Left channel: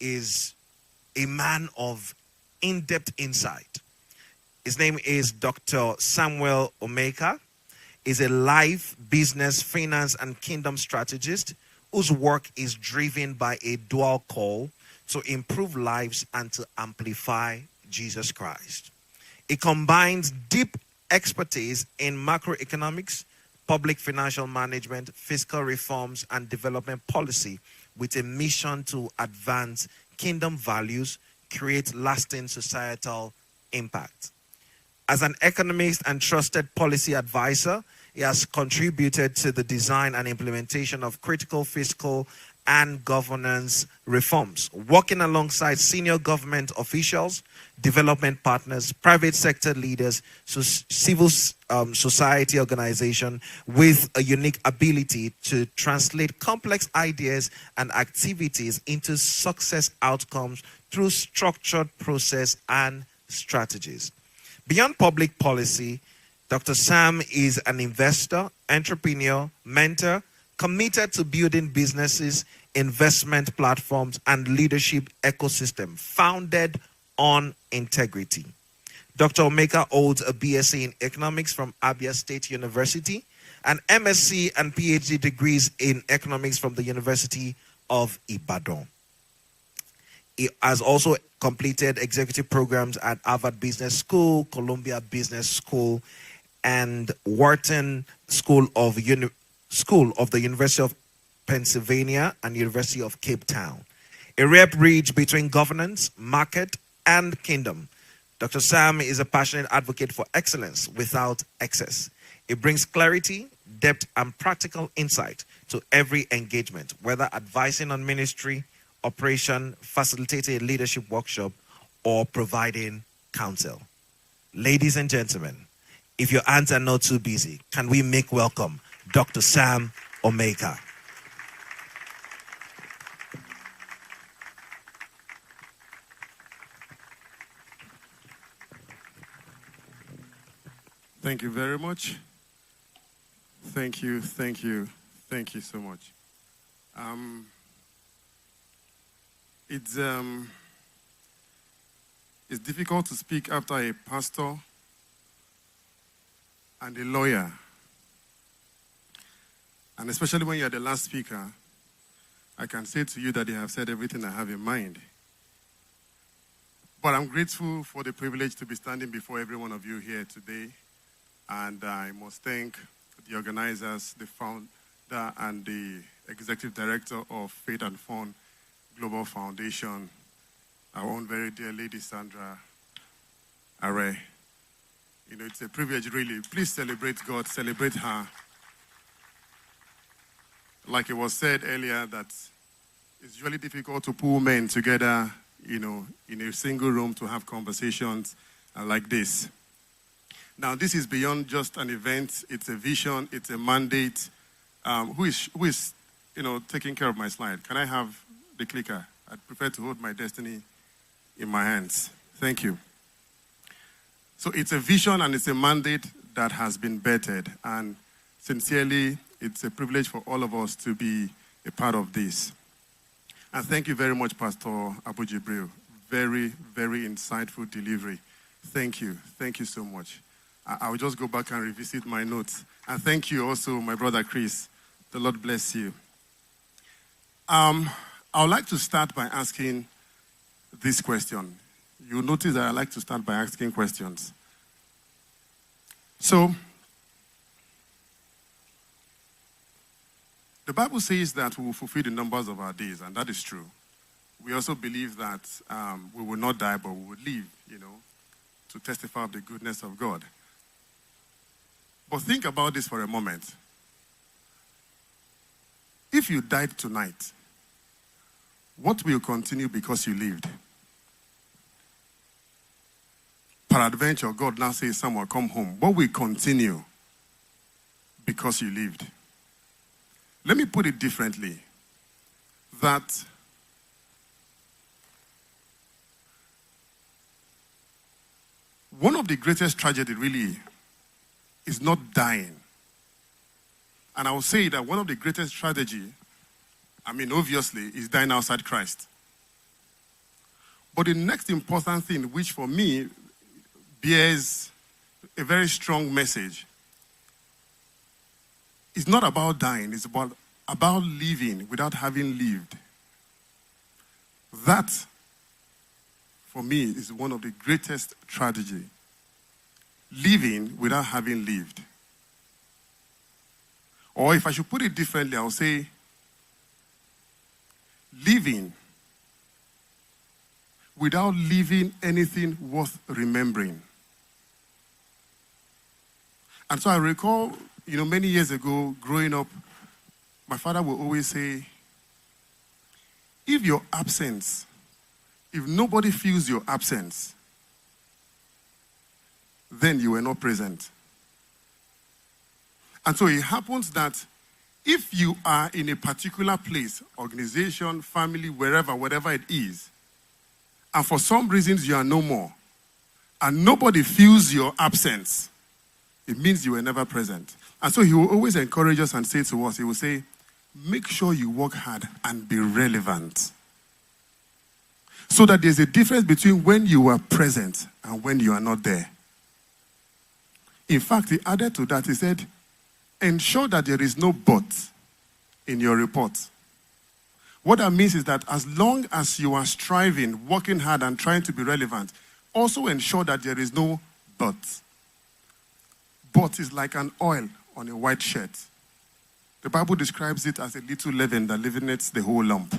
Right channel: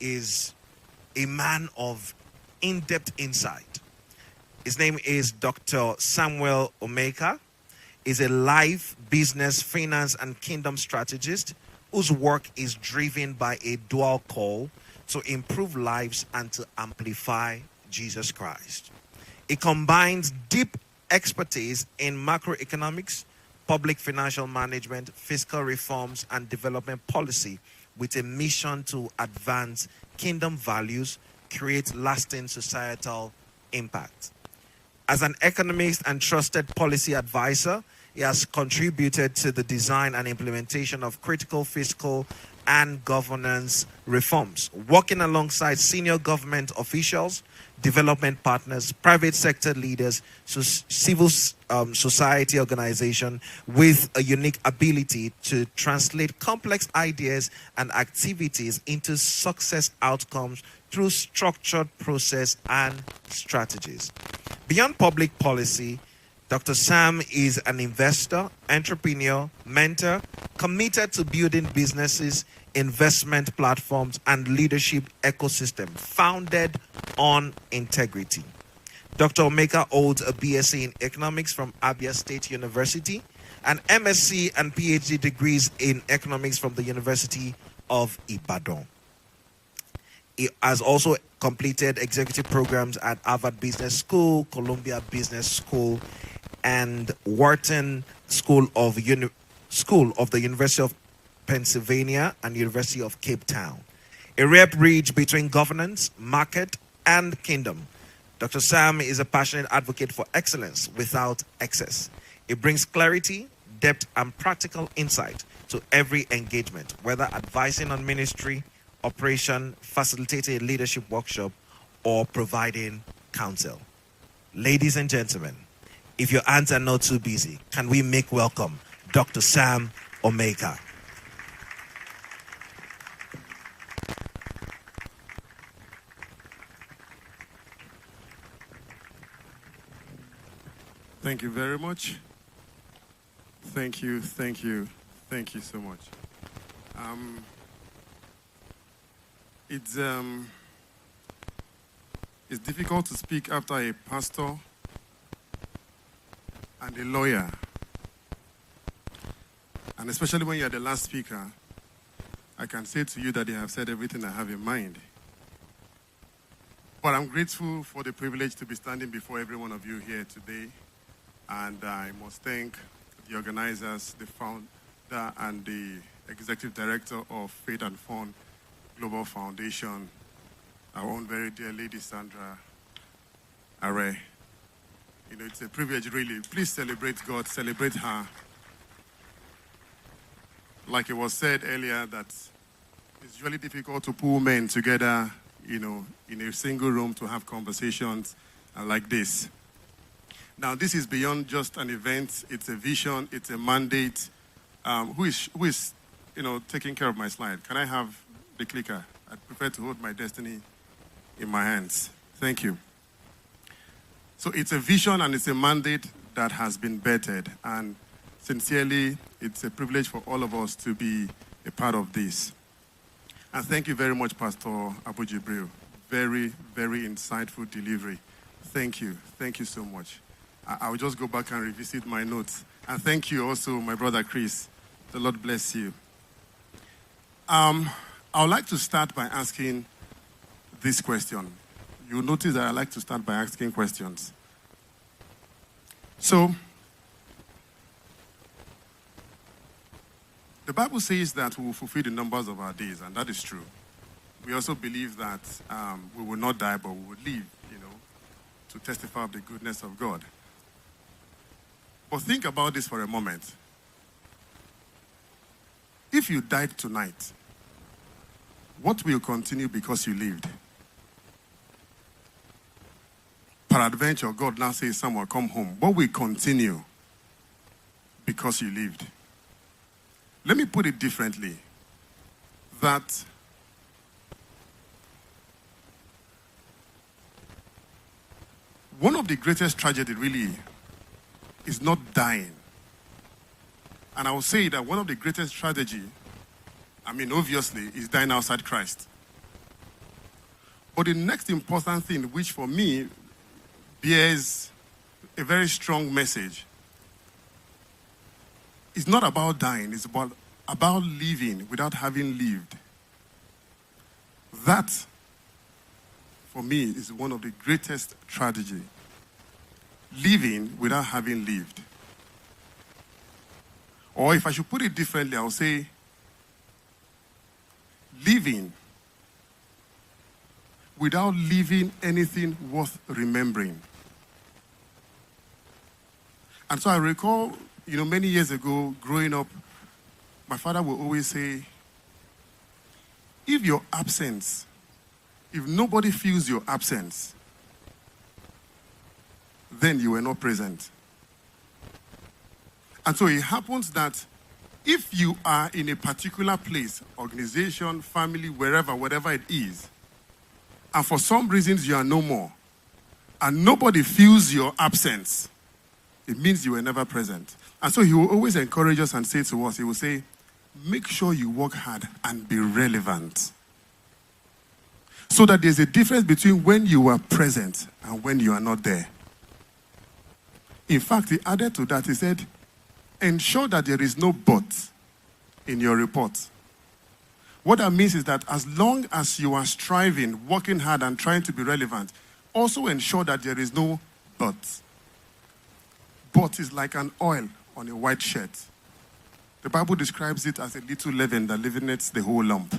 is a man of in-depth insight. His name is Dr. Samuel Omeka. He's a life, business, finance, and kingdom strategist whose work is driven by a dual call to improve lives and to amplify Jesus Christ. It combines deep expertise in macroeconomics, public financial management, fiscal reforms, and development policy with a mission to advance kingdom values, create lasting societal impact. As an economist and trusted policy advisor, he has contributed to the design and implementation of critical fiscal and governance reforms, working alongside senior government officials, development partners, private sector leaders, civil society organizations with a unique ability to translate complex ideas and activities into success outcomes through structured process and strategies. Beyond public policy, Dr. Sam is an investor, entrepreneur, mentor, committed to building businesses, investment platforms, and leadership ecosystem founded on integrity. Dr. Omeka holds a BSc in economics from Abia State University, and MSc and PhD degrees in economics from the University of Ibadan. He has also completed executive programs at Harvard Business School, Columbia Business School, and Wharton School of the University of Pennsylvania and University of Cape Town. A rare bridge between governance, market, and kingdom. Dr. Sam is a passionate advocate for excellence without excess. He brings clarity, depth, and practical insight to every engagement, whether advising on ministry, operation, facilitating a leadership workshop, or providing counsel. Ladies and gentlemen, if your hands are not too busy, can we make welcome Dr. Sam Omeka? Thank you very much. Thank you so much. It's difficult to speak after a pastor and a lawyer, and especially when you're the last speaker. I can say to you that they have said everything I have in mind. But I'm grateful for the privilege to be standing before every one of you here today. And I must thank the organizers, the founder and the executive director of Faith and Fun Global Foundation, our own very dear lady Sandra Are. You know, it's a privilege, really. Please celebrate God, celebrate her. Like it was said earlier, that it's really difficult to pull men together, you know, in a single room to have conversations like this. Now, this is beyond just an event. It's a vision. It's a mandate. Who is, taking care of my slide? Can I have the clicker? I'd prefer to hold my destiny in my hands. Thank you. So it's a vision and it's a mandate that has been bettered. And sincerely, it's a privilege for all of us to be a part of this. And thank you very much, Pastor Abu Jibril. Very, very insightful delivery. Thank you. Thank you so much. I will just go back and revisit my notes. And thank you also, my brother Chris. The Lord bless you. I would like to start by asking this question. You'll notice that I like to start by asking questions. So, the Bible says that we will fulfill the numbers of our days, and that is true. We also believe that we will not die, but we will live, to testify of the goodness of God. But think about this for a moment. If you died tonight, what will continue because you lived? Peradventure, God now says, someone come home. What will continue because you lived? Let me put it differently. That one of the greatest tragedy really is not dying. And I will say that one of the greatest tragedy, obviously, is dying outside Christ. But the next important thing, which for me bears a very strong message, is not about dying, it's about living without having lived. That, for me, is one of the greatest tragedy. Living without having lived. Or if I should put it differently, I'll say, living without living anything worth remembering. And so I recall, many years ago, growing up, my father would always say, if your absence, if nobody feels your absence, then you were not present. And so it happens that if you are in a particular place, organization, family, wherever, whatever it is, and for some reasons you are no more, and nobody feels your absence, it means you were never present. And so he will always encourage us and say to us, he will say, make sure you work hard and be relevant. So that there's a difference between when you are present and when you are not there. In fact, he added to that, he said, ensure that there is no but in your report. What that means is that as long as you are striving, working hard and trying to be relevant, also ensure that there is no but. But is like an oil on a white shirt. The Bible describes it as a little leaven that leaveneth the whole lump.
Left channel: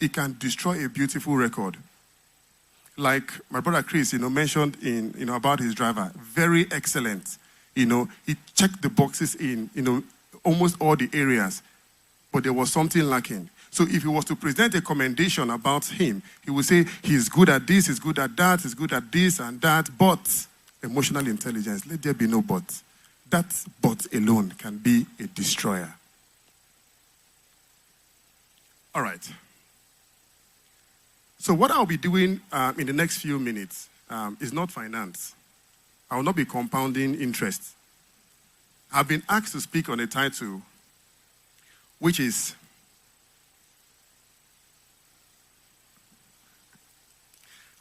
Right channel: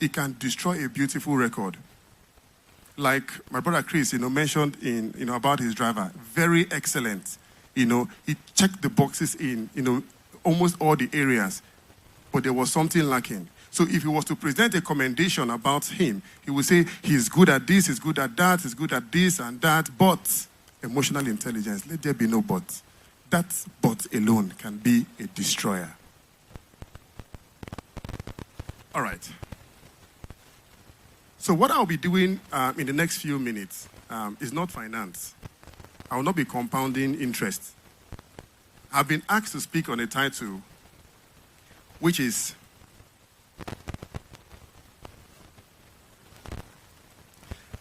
It can destroy a beautiful record. Like my brother Chris, mentioned in, about his driver. Very excellent. He checked the boxes in, almost all the areas. But there was something lacking. So if he was to present a commendation about him, he would say, he's good at this, he's good at that, he's good at this and that, but emotional intelligence, let there be no but. That but alone can be a destroyer. All right. So what I'll be doing in the next few minutes is not finance. I will not be compounding interest. I've been asked to speak on a title which is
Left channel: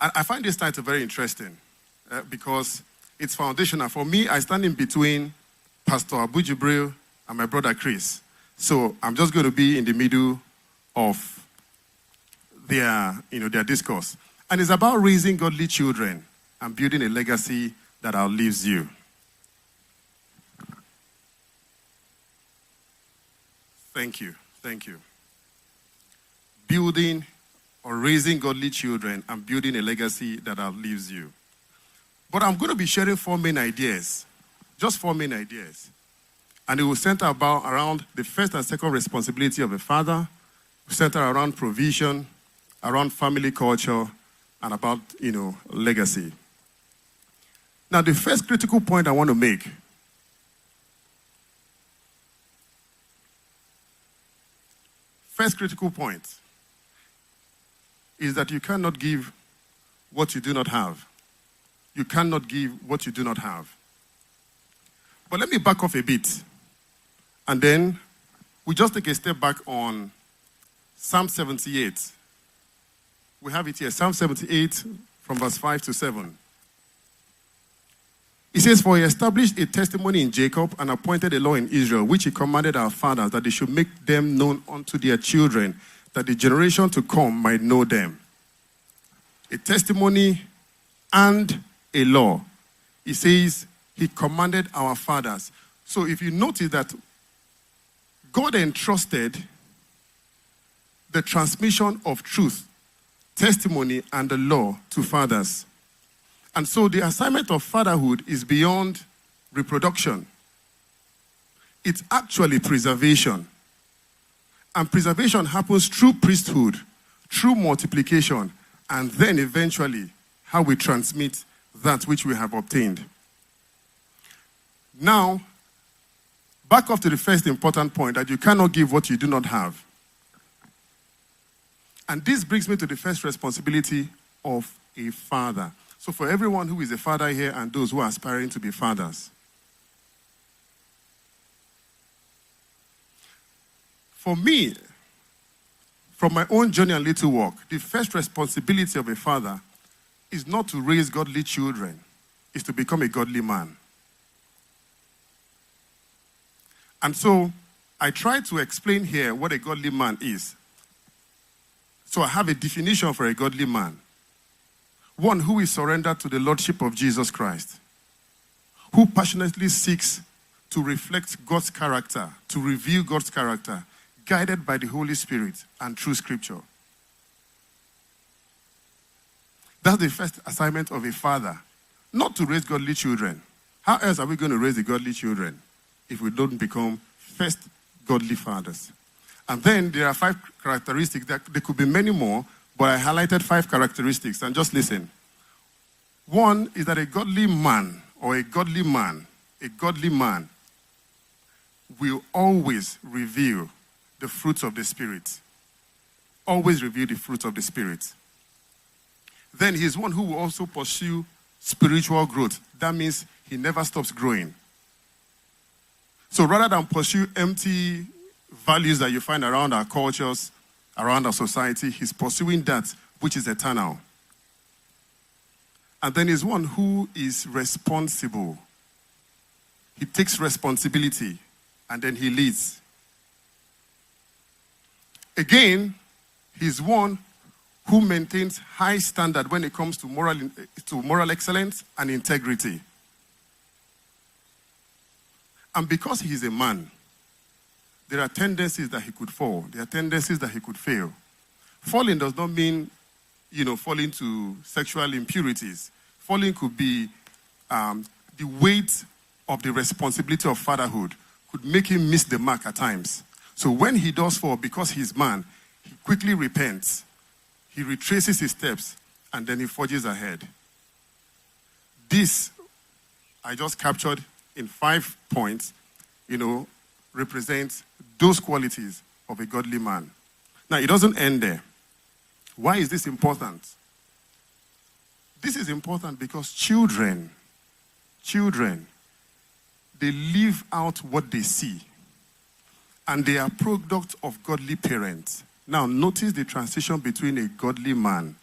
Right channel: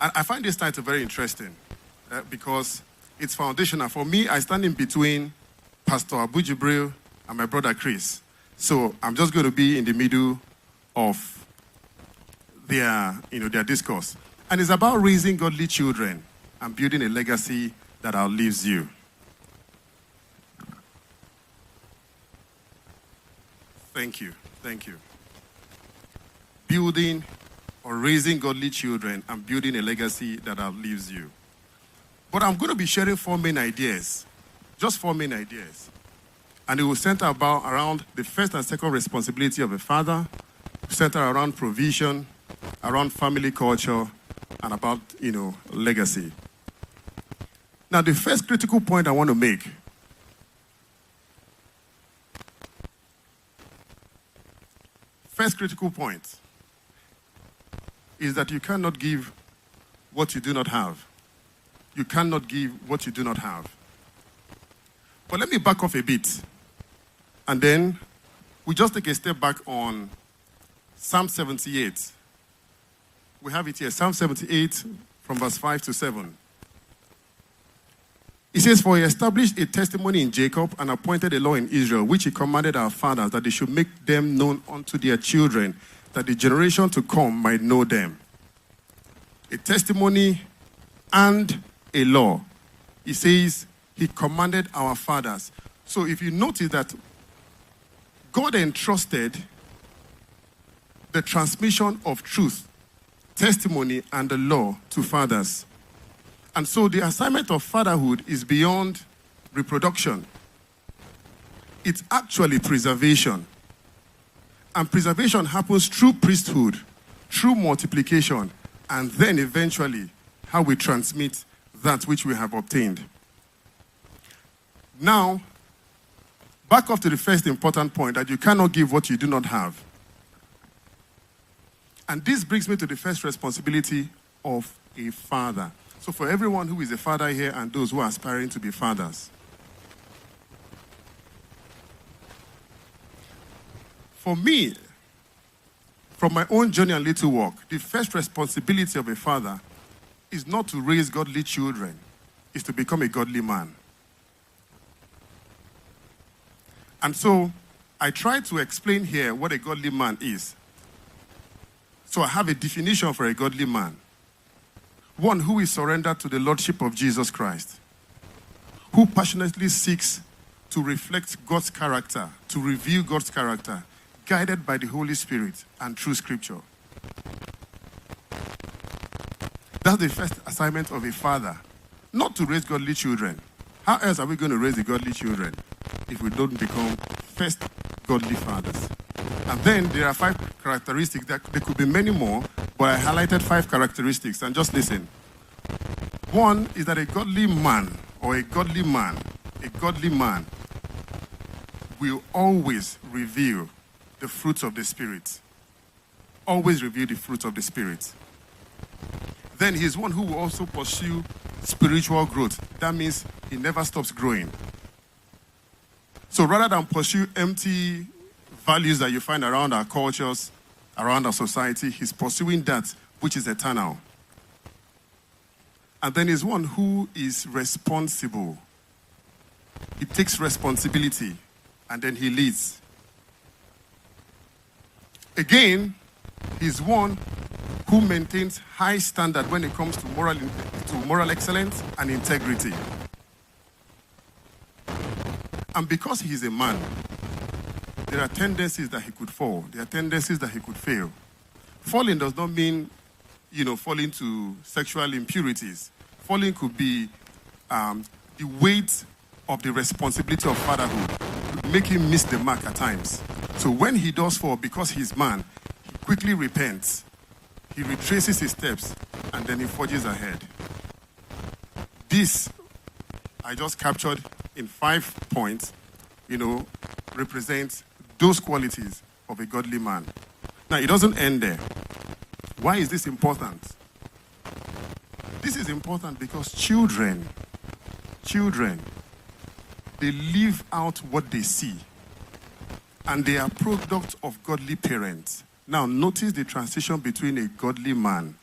I find this title very interesting because it's foundational. For me, I stand in between Pastor Abu Jibril and my brother Chris. So I'm just going to be in the middle of their discourse. And it's about raising godly children and building a legacy that outlives you. Thank you. Building or raising godly children and building a legacy that outlives you. But I'm going to be sharing 4 main ideas. Just 4 main ideas. And it will center around the first and second responsibility of a father, center around provision, around family culture, and about, legacy. Now, the first critical point I want to make is that you cannot give what you do not have. You cannot give what you do not have. But let me back off a bit. And then we just take a step back on Psalm 78. We have it here, Psalm 78 from verse 5 to 7. It says, for he established a testimony in Jacob and appointed a law in Israel, which he commanded our fathers, that they should make them known unto their children, that the generation to come might know them. A testimony and a law. He says he commanded our fathers. So if you notice that God entrusted the transmission of truth, testimony, and the law to fathers. And so the assignment of fatherhood is beyond reproduction. It's actually preservation. And preservation happens through priesthood, through multiplication, and then eventually how we transmit that which we have obtained. Now, back up to the first important point, that you cannot give what you do not have. And this brings me to the first responsibility of a father. So for everyone who is a father here and those who are aspiring to be fathers, for me, From my own journey and little walk, the first responsibility of a father is not to raise godly children, is to become a godly man. And so, I try to explain here what a godly man is. So I have a definition for a godly man. One who is surrendered to the Lordship of Jesus Christ, who passionately seeks to reflect God's character, to reveal God's character, guided by the Holy Spirit and through Scripture. That's the first assignment of a father, not to raise godly children. How else are we going to raise the godly children if we don't become first godly fathers? And then there are 5 characteristics. There could be many more, but I highlighted 5 characteristics. And just listen. One is that a godly man will always reveal the fruits of the Spirit. Always reveal the fruits of the Spirit. Then he is one who will also pursue spiritual growth. That means he never stops growing. So rather than pursue empty values that you find around our cultures, around our society, he's pursuing that which is eternal. And then he's one who is responsible. He takes responsibility and then he leads. Again, he's one who maintains high standard when it comes to moral excellence and integrity. And because he is a man, there are tendencies that he could fall. There are tendencies that he could fail. Falling does not mean, falling to sexual impurities. Falling could be the weight of the responsibility of fatherhood could make him miss the mark at times. So when he does fall, because he's man, he quickly repents. He retraces his steps, and then he forges ahead. This, I just captured in 5 points, represents those qualities of a godly man. Now, it doesn't end there. Why is this important? This is important because children, they live out what they see. And they are product of godly parents. Now, notice the transition between a godly man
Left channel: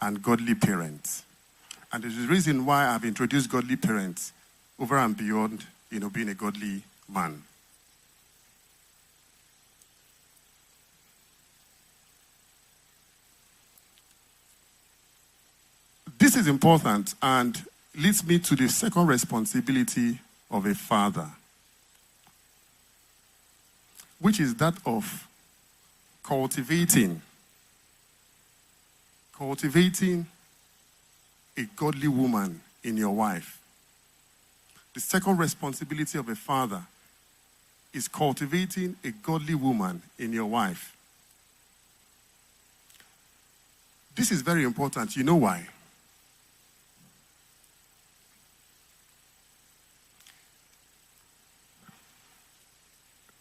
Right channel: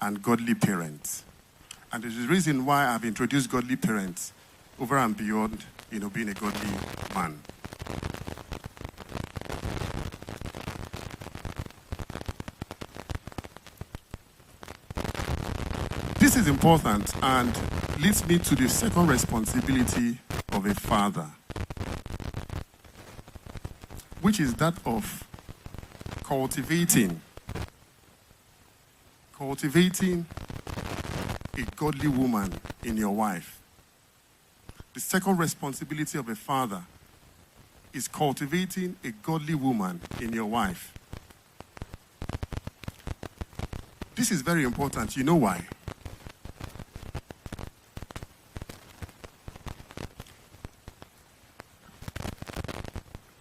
and godly parents. And there's a reason why I've introduced godly parents over and beyond, being a godly man. This is important and leads me to the second responsibility of a father, which is that of cultivating a godly woman in your wife. The second responsibility of a father is cultivating a godly woman in your wife. This is very important. You know why?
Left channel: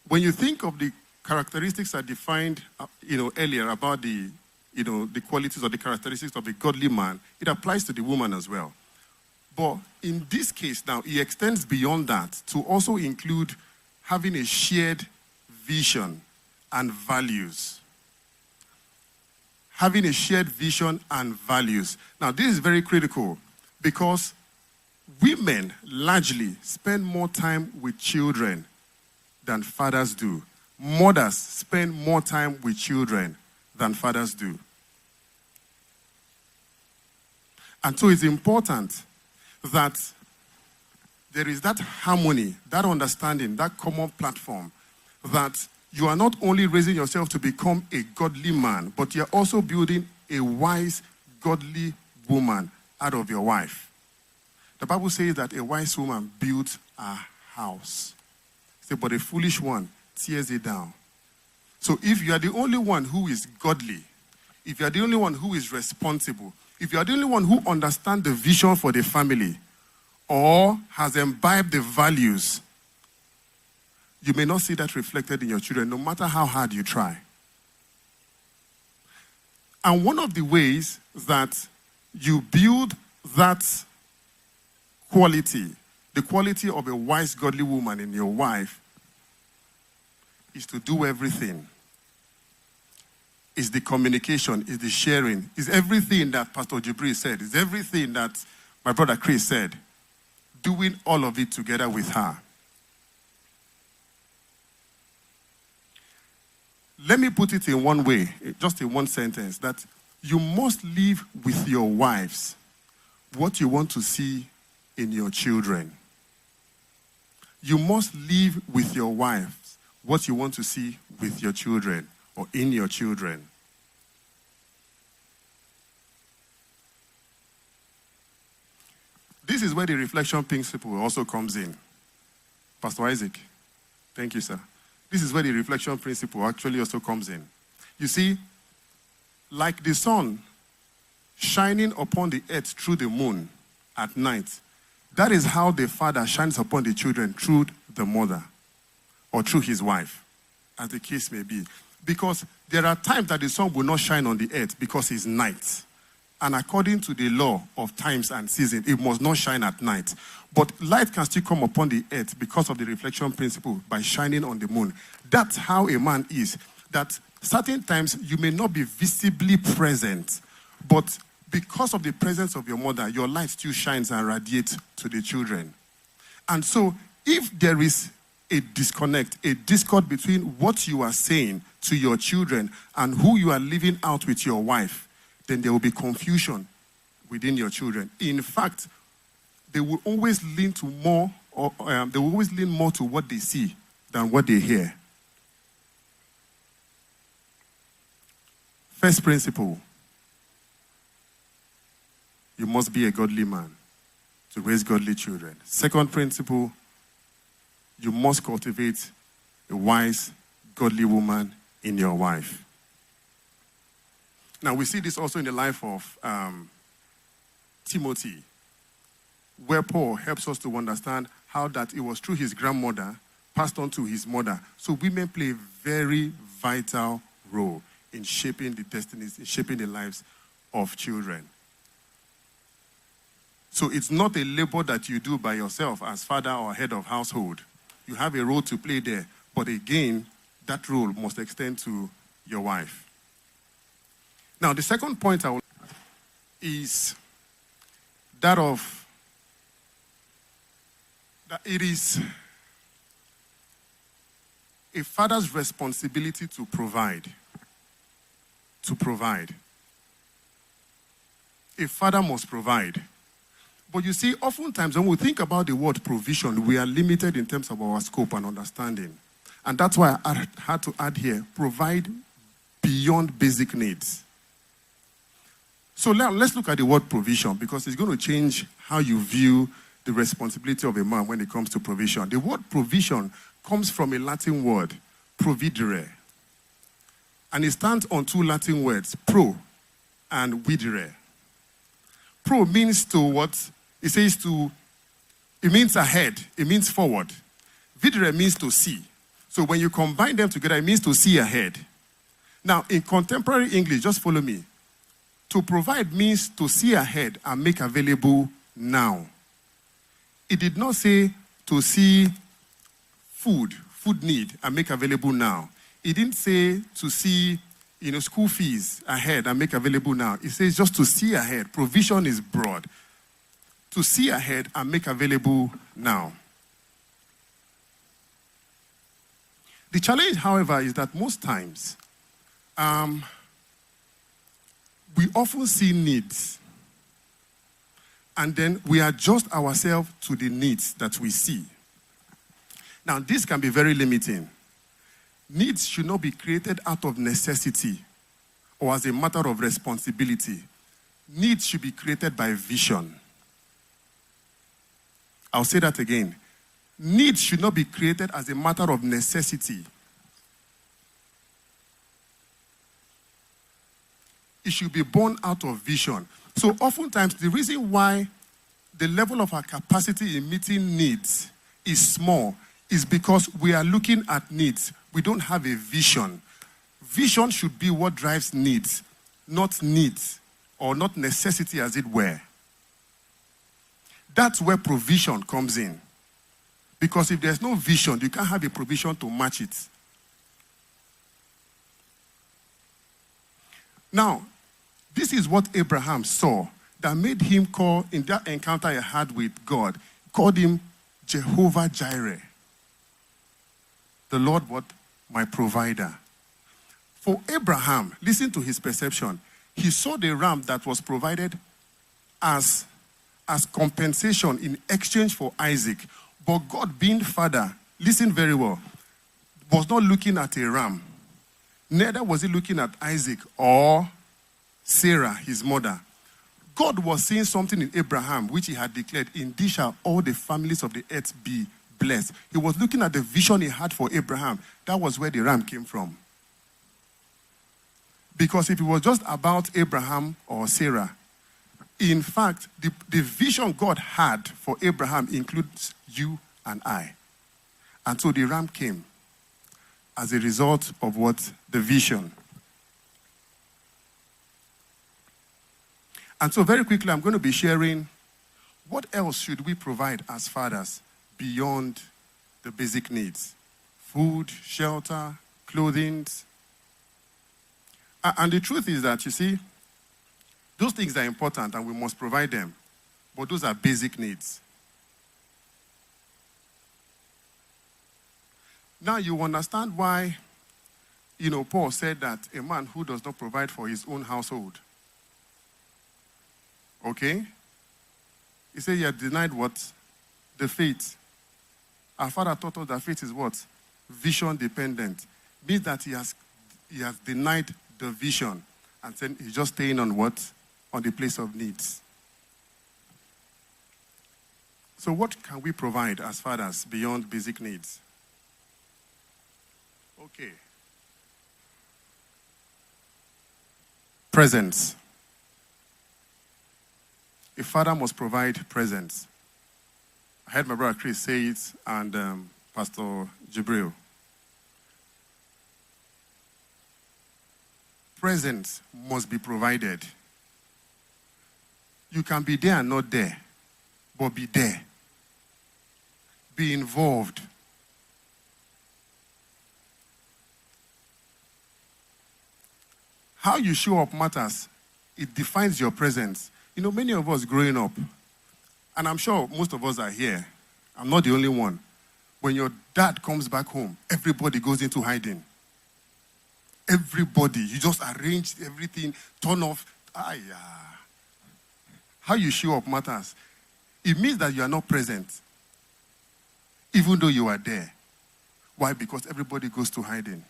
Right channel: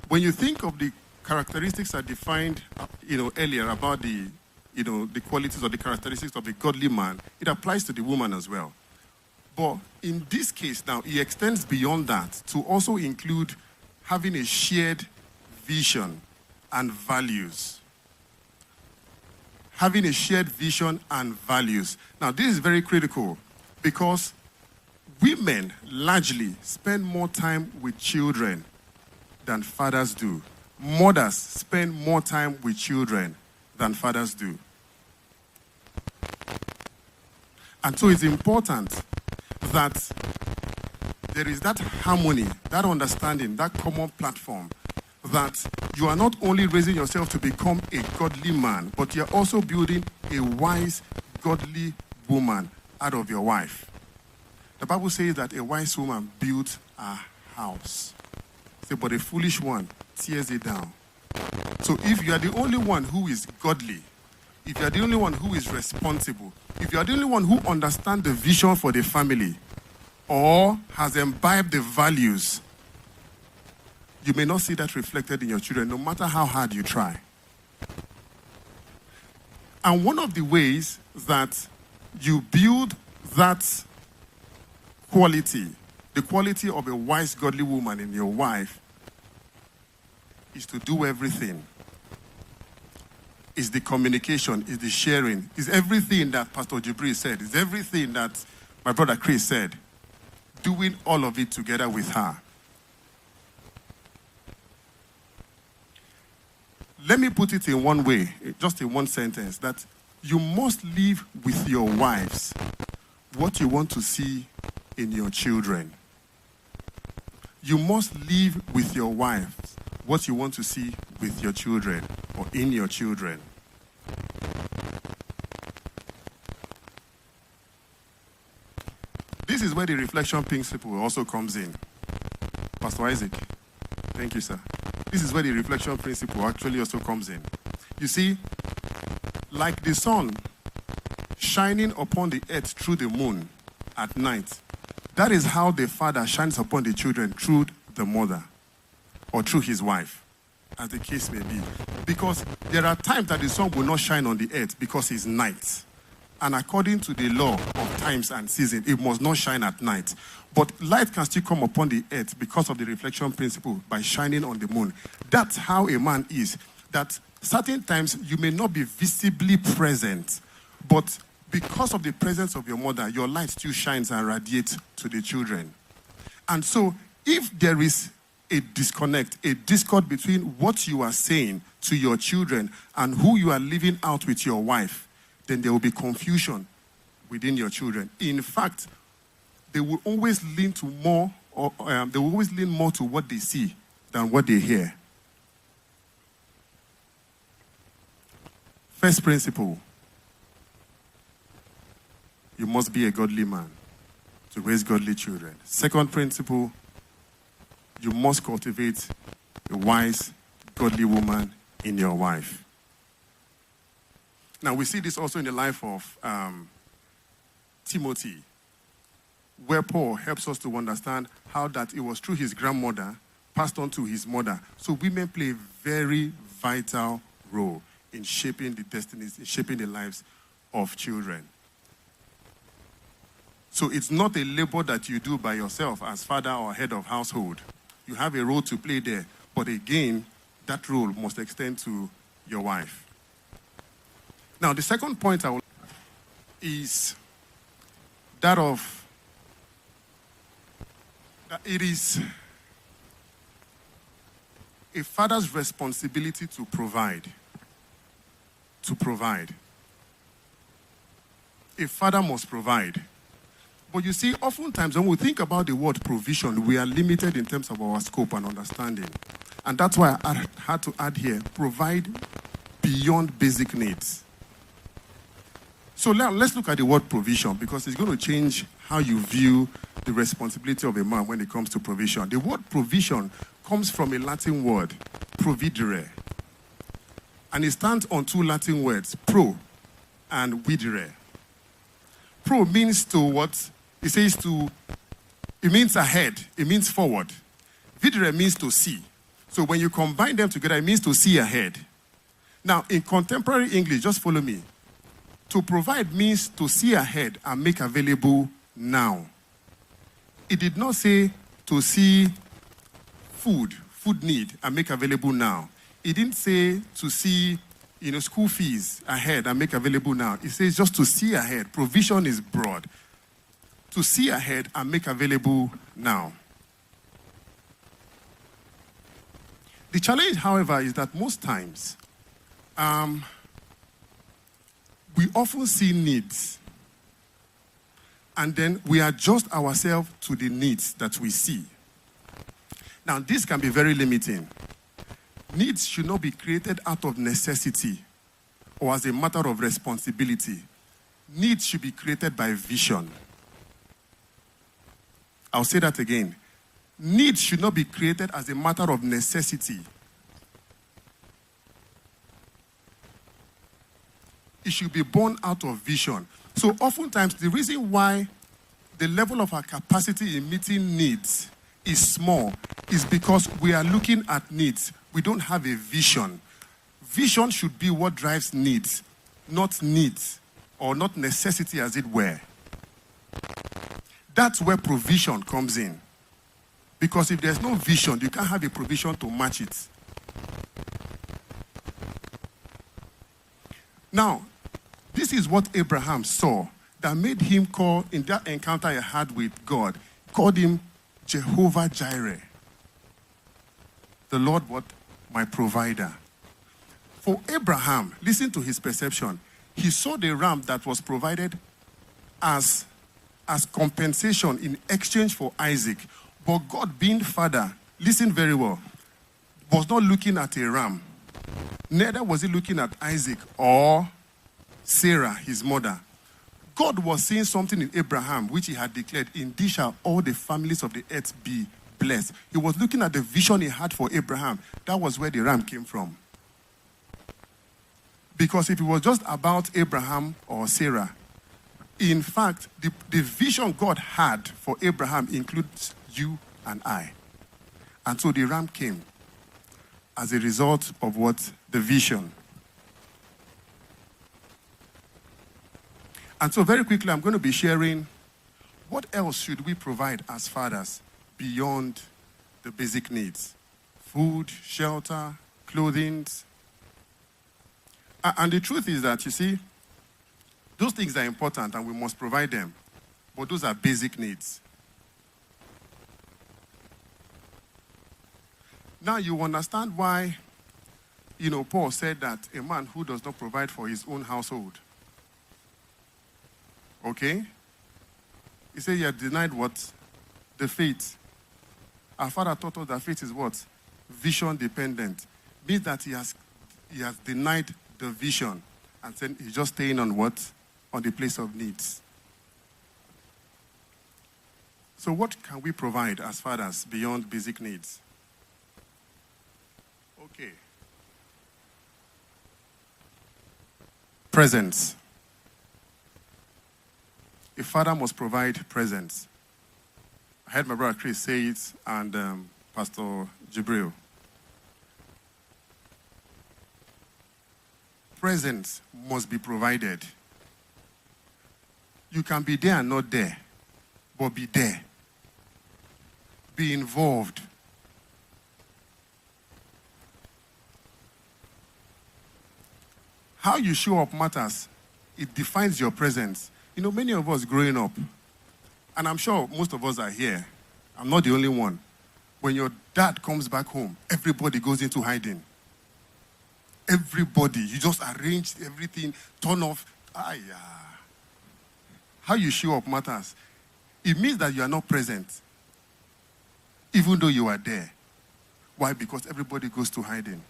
When you think of the characteristics I defined, earlier about the qualities or the characteristics of a godly man, it applies to the woman as well. But in this case now, it extends beyond that to also include having a shared vision and values. Having a shared vision and values. Now, this is very critical because women largely spend more time with children than fathers do. Mothers spend more time with children than fathers do. And so it's important that there is that harmony, that understanding, that common platform, that you are not only raising yourself to become a godly man, but you're also building a wise, godly woman out of your wife. The Bible says that a wise woman builds a house. But a foolish one tears it down. So if you are the only one who is godly, if you are the only one who is responsible, if you are the only one who understands the vision for the family or has imbibed the values, you may not see that reflected in your children, no matter how hard you try. And one of the ways that you build that quality, the quality of a wise, godly woman in your wife, is to do everything It's the communication, it's the sharing, it's everything that Pastor Jibril said, it's everything that my brother Chris said. Doing all of it together with her. Let me put it in one way, just in one sentence, that you must live with your wives what you want to see in your children. You must live with your wives what you want to see with your children or in your children. This is where the reflection principle also comes in. Pastor Isaac, thank you, sir. This is where the reflection principle actually also comes in. You see, like the sun shining upon the earth through the moon at night, that is how the father shines upon the children through the mother or through his wife, as the case may be. Because there are times that the sun will not shine on the earth because it's night. And according to the law of times and seasons, it must not shine at night. But light can still come upon the earth because of the reflection principle by shining on the moon. That's how a man is. That certain times you may not be visibly present, but because of the presence of your mother, your light still shines and radiates to the children. And so, if there is a disconnect, a discord between what you are saying to your children and who you are living out with your wife, then there will be confusion within your children. In fact, they will always lean to more, they will always lean more to what they see than what they hear. First principle: you must be a godly man to raise godly children. Second principle: you must cultivate a wise, godly woman in your wife. Now, we see this also in the life of Timothy, where Paul helps us to understand how that it was through his grandmother passed on to his mother. So women play a very vital role in shaping the destinies, in shaping the lives of children. So it's not a labor that you do by yourself as father or head of household. You have a role to play there. But again, that role must extend to your wife. Now, the second point is that it is a father's responsibility to provide. To provide. A father must provide. But you see, oftentimes when we think about the word provision, we are limited in terms of our scope and understanding. And that's why I had to add here, provide beyond basic needs. So now let's look at the word provision, because it's going to change how you view the responsibility of a man when it comes to provision. The word provision comes from a Latin word, providere. And it stands on two Latin words, pro and videre. Pro means to what? It says to, it means ahead, it means forward. Videre means to see. So when you combine them together, it means to see ahead. Now, in contemporary English, just follow me. To provide means to see ahead and make available now. It did not say to see food need and make available now. It didn't say to see, school fees ahead and make available now. It says just to see ahead. Provision is broad. To see ahead and make available now. The challenge, however, is that most times, we often see needs, and then we adjust ourselves to the needs that we see. Now, this can be very limiting. Needs should not be created out of necessity or as a matter of responsibility. Needs should be created by vision. I'll say that again. Needs should not be created as a matter of necessity. It should be born out of vision. So oftentimes, the reason why the level of our capacity in meeting needs is small is because we are looking at needs. We don't have a vision. Vision should be what drives needs or not necessity, as it were. That's where provision comes in. Because if there's no vision, you can't have a provision to match it. Now, this is what Abraham saw that made him call, in that encounter he had with God, called him Jehovah Jireh. The Lord, what? My provider. For Abraham, listen to his perception. He saw the ram that was provided as compensation in exchange for Isaac. But God, being Father, listen very well, was not looking at a ram. Neither was he looking at Isaac or Sarah, his mother. God was seeing something in Abraham, which he had declared, in this shall all the families of the earth be blessed. He was looking at the vision he had for Abraham. That was where the ram came from. Because if it was just about Abraham or Sarah, in fact, the vision God had for Abraham includes you and I. And so the ram came as a result of what? The vision. And so very quickly, I'm going to be sharing what else should we provide as fathers beyond the basic needs? Food, shelter, clothing. And the truth is that, you see, those things are important and we must provide them. But those are basic needs. Now you understand why, Paul said that a man who does not provide for his own household. Okay? He said he had denied what? The faith. Our father taught us that faith is what? Vision dependent. Means that he has denied the vision and said he's just staying on what? On the place of needs. So what can we provide as fathers beyond basic needs? Okay. Presence. A father must provide presence. I heard my brother Chris say it and Pastor Jibril. Presence must be provided. You can be there and not there, but be there. Be involved. How you show up matters. It defines your presence. Many of us growing up, and I'm sure most of us are here, I'm not the only one. When your dad comes back home, everybody goes into hiding. Everybody. You just arrange everything, turn off. How you show up matters. It means that you are not present, even though you are there. Why? Because everybody goes to hiding.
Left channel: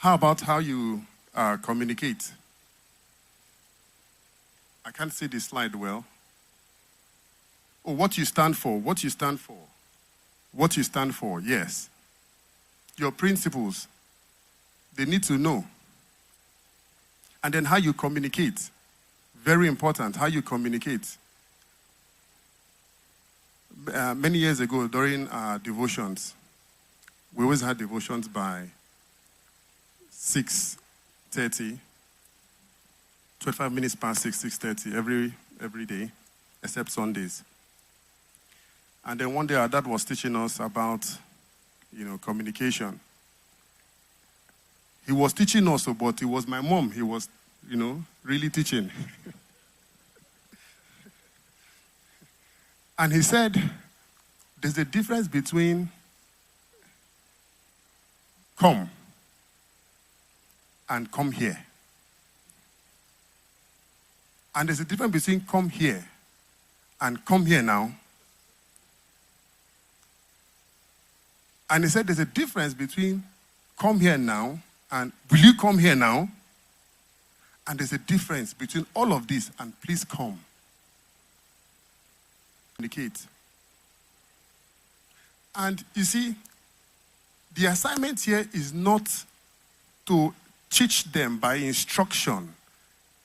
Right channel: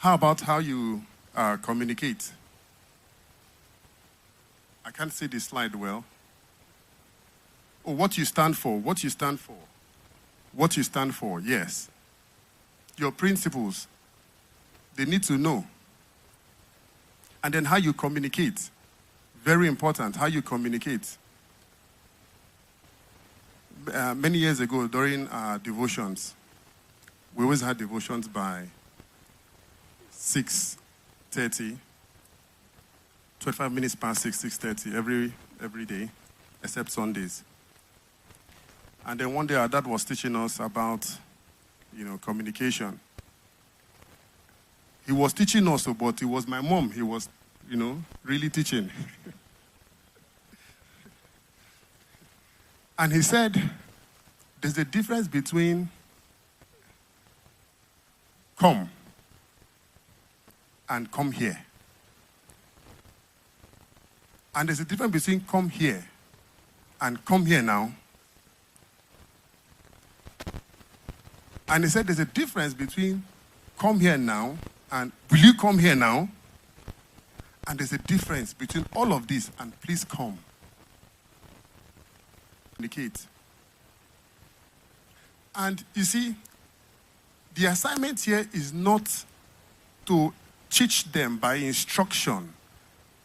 How about how you communicate? I can't see this slide well. Oh, what you stand for, what you stand for. What you stand for, yes. Your principles, they need to know. And then how you communicate. Very important, how you communicate. Many years ago, during our devotions, we always had devotions by 6:30, 25 minutes past 6:30 every day, except Sundays. And then one day our dad was teaching us about, communication. He was teaching us, but it was my mom. He was, really teaching. And he said, there's a difference between come and come here. And there's a difference between come here and come here now. And he said there's a difference between come here now and will you come here now? And there's a difference between all of this and please come. Communicate. And you see, the assignment here is not to teach them by instruction,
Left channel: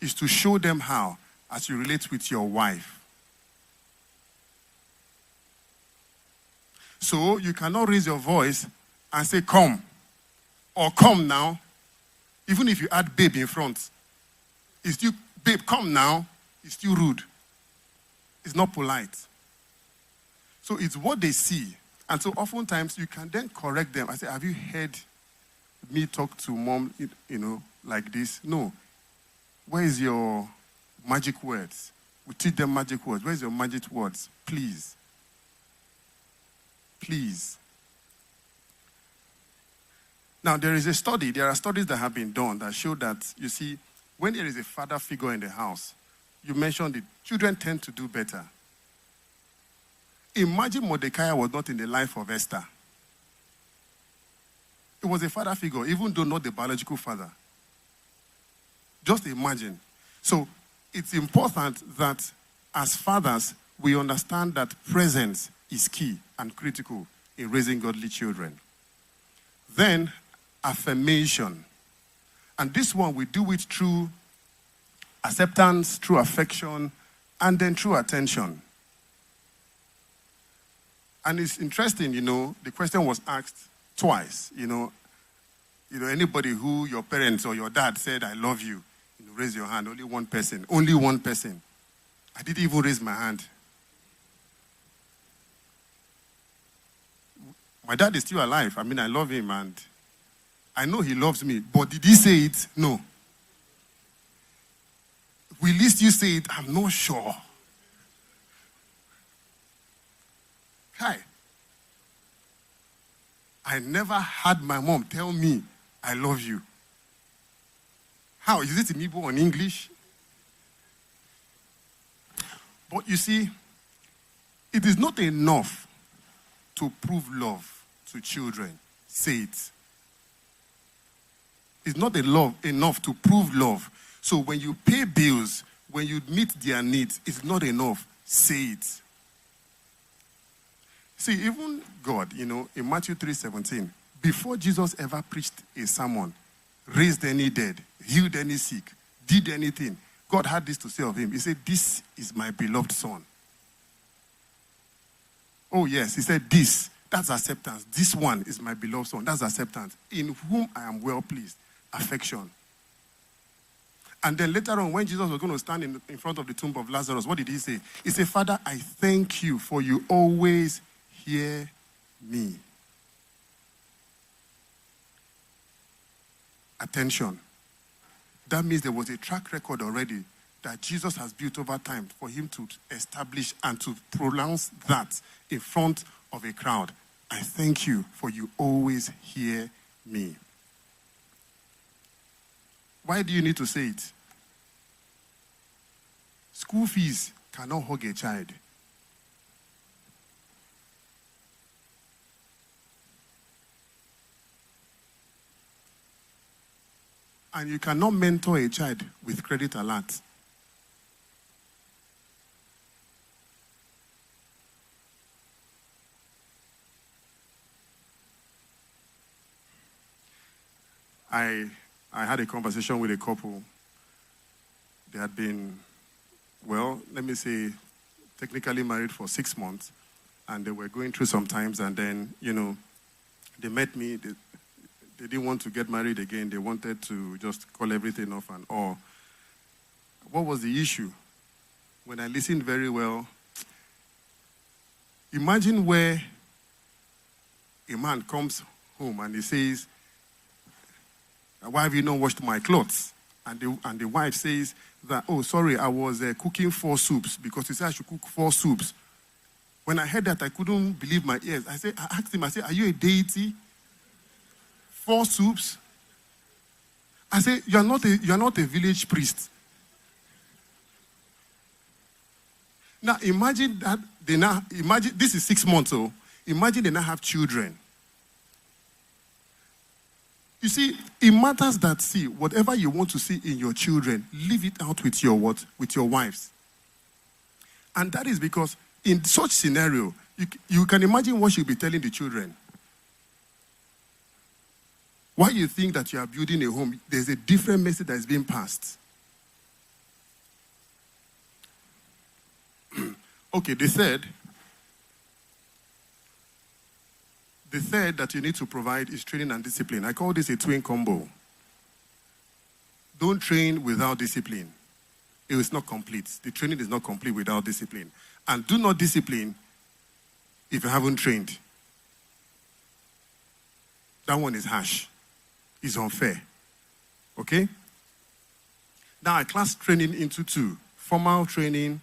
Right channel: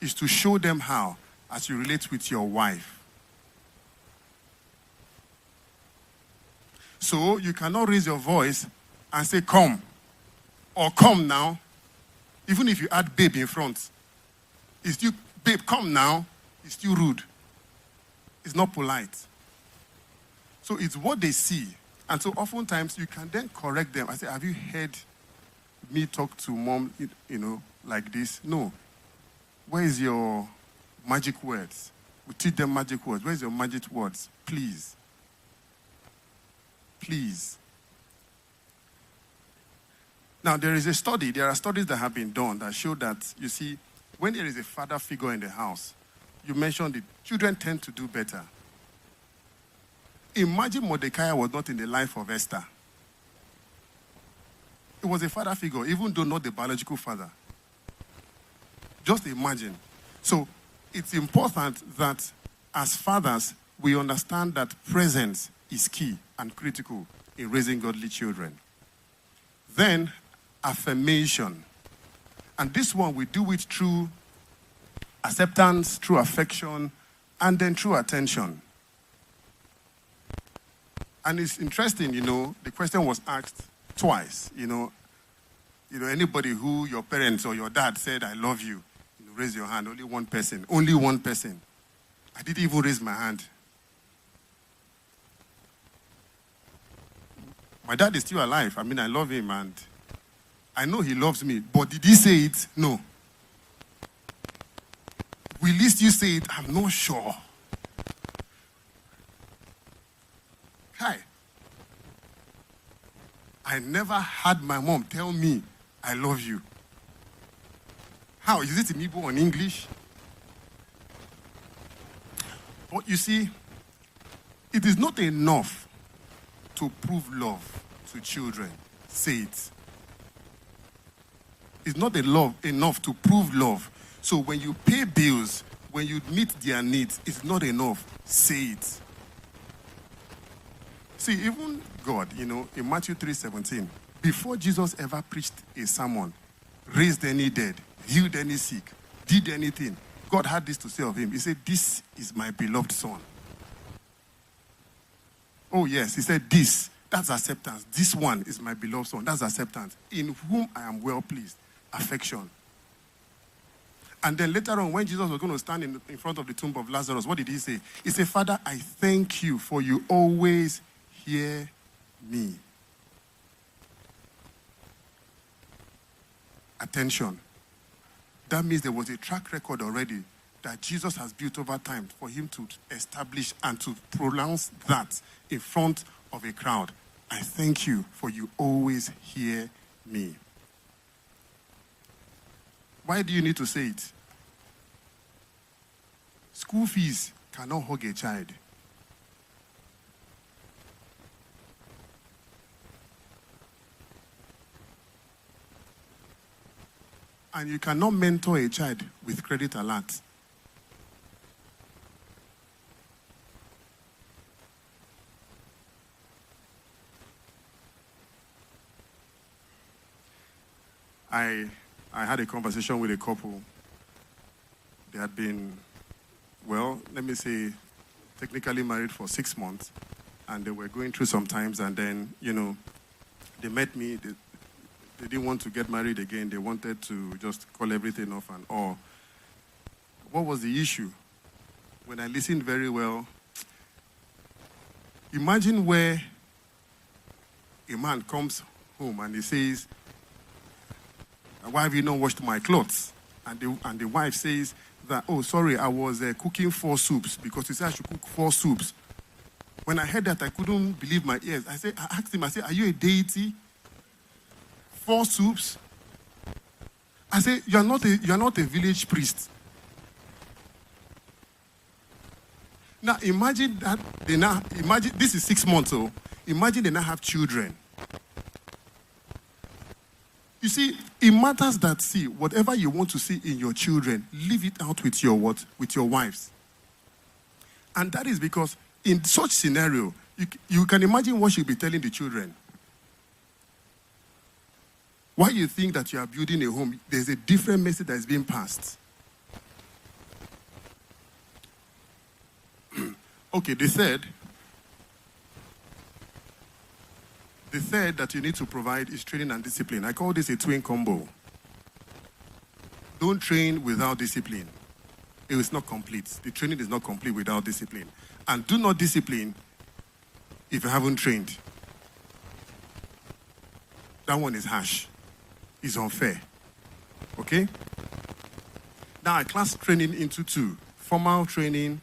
is to show them how as you relate with your wife. So you cannot raise your voice and say come or come now, even if you add babe in front. It's still babe, come now. It's still rude. It's not polite. So it's what they see And so oftentimes you can then correct them. I say, have you heard me talk to mom, like this? No. Where is your magic words? We teach them magic words. Where's your magic words? Please. Please. Now, there are studies that have been done that show that, you see, when there is a father figure in the house, you mentioned it, children tend to do better. Imagine Mordecai was not in the life of Esther. It was a father figure, even though not the biological father. Just imagine. So, it's important that as fathers, we understand that presence is key and critical in raising godly children. Then, affirmation. And this one, we do it through acceptance, through affection, and then through attention. And it's interesting, the question was asked twice, anybody who your parents or your dad said, I love you, raise your hand. Only one person. Only one person. I didn't even raise my hand. My dad is still alive. I love him and I know he loves me. But did he say it? No. Will he still say it? I'm not sure. Hi. I never had my mom tell me, I love you. How? Is it in Igbo or in English? But you see, it is not enough to prove love to children. Say it. It's not enough to prove love. So when you pay bills, when you meet their needs, it's not enough. Say it. See, even God, in Matthew 3:17, before Jesus ever preached a sermon, raised any dead, healed any sick, did anything, God had this to say of him. He said, this is my beloved son. Oh yes, he said this. That's acceptance. This one is my beloved son. That's acceptance. In whom I am well pleased. Affection. And then later on, when Jesus was going to stand in front of the tomb of Lazarus, what did he say? He said, Father, I thank you for you always hear me. Attention. That means there was a track record already that Jesus has built over time for him to establish and to pronounce that in front of a crowd. I thank you for you always hear me. Why do you need to say it? School fees cannot hug a child. And you cannot mentor a child with credit alert. I had a conversation with a couple. They had been, technically married for 6 months. And they were going through some times. And then, they met me. They didn't want to get married again. They wanted to just call everything off and all. What was the issue? When I listened very well, imagine where a man comes home and he says, why have you not washed my clothes? And the wife says that, oh, sorry, I was cooking 4 soups because he said I should cook 4 soups. When I heard that, I couldn't believe my ears. I asked him, are you a deity? 4 soups? I said, you're not a village priest. Now imagine that imagine this is 6 months old. Imagine they now have children. You see, it matters that, whatever you want to see in your children, leave it out with your with your wives. And that is because in such scenario, you can imagine what you'll be telling the children. Why you think that you are building a home, there's a different message that is being passed. Okay, the third that you need to provide is training and discipline. I call this a twin combo. Don't train without discipline. It is not complete. The training is not complete without discipline. And do not discipline if you haven't trained. That one is harsh. It's unfair. Okay? Now I class training into two. Formal training,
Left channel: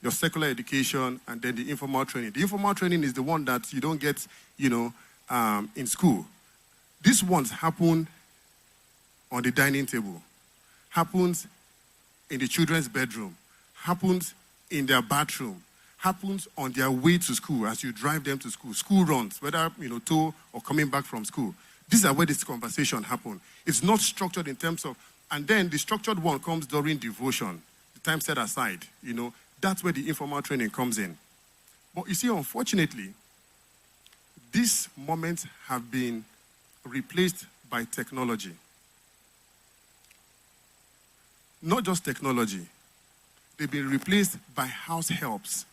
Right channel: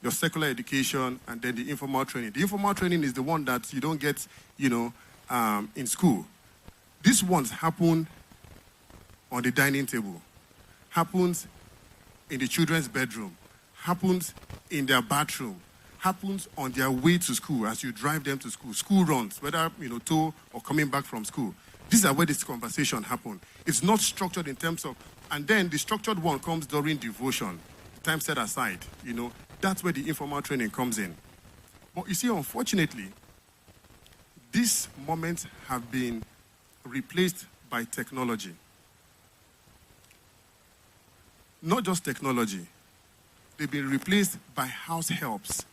your secular education, and then the informal training. The informal training is the one that you don't get, in school. These ones happen on the dining table, happens in the children's bedroom, happens in their bathroom, happens on their way to school as you drive them to school. School runs, whether to or coming back from school. These are where this conversation happens. It's not structured in terms of, and then the structured one comes during devotion, the time set aside. That's where the informal training comes in. But you see, unfortunately, these moments have been replaced by technology. Not just technology, they've been replaced by house helps.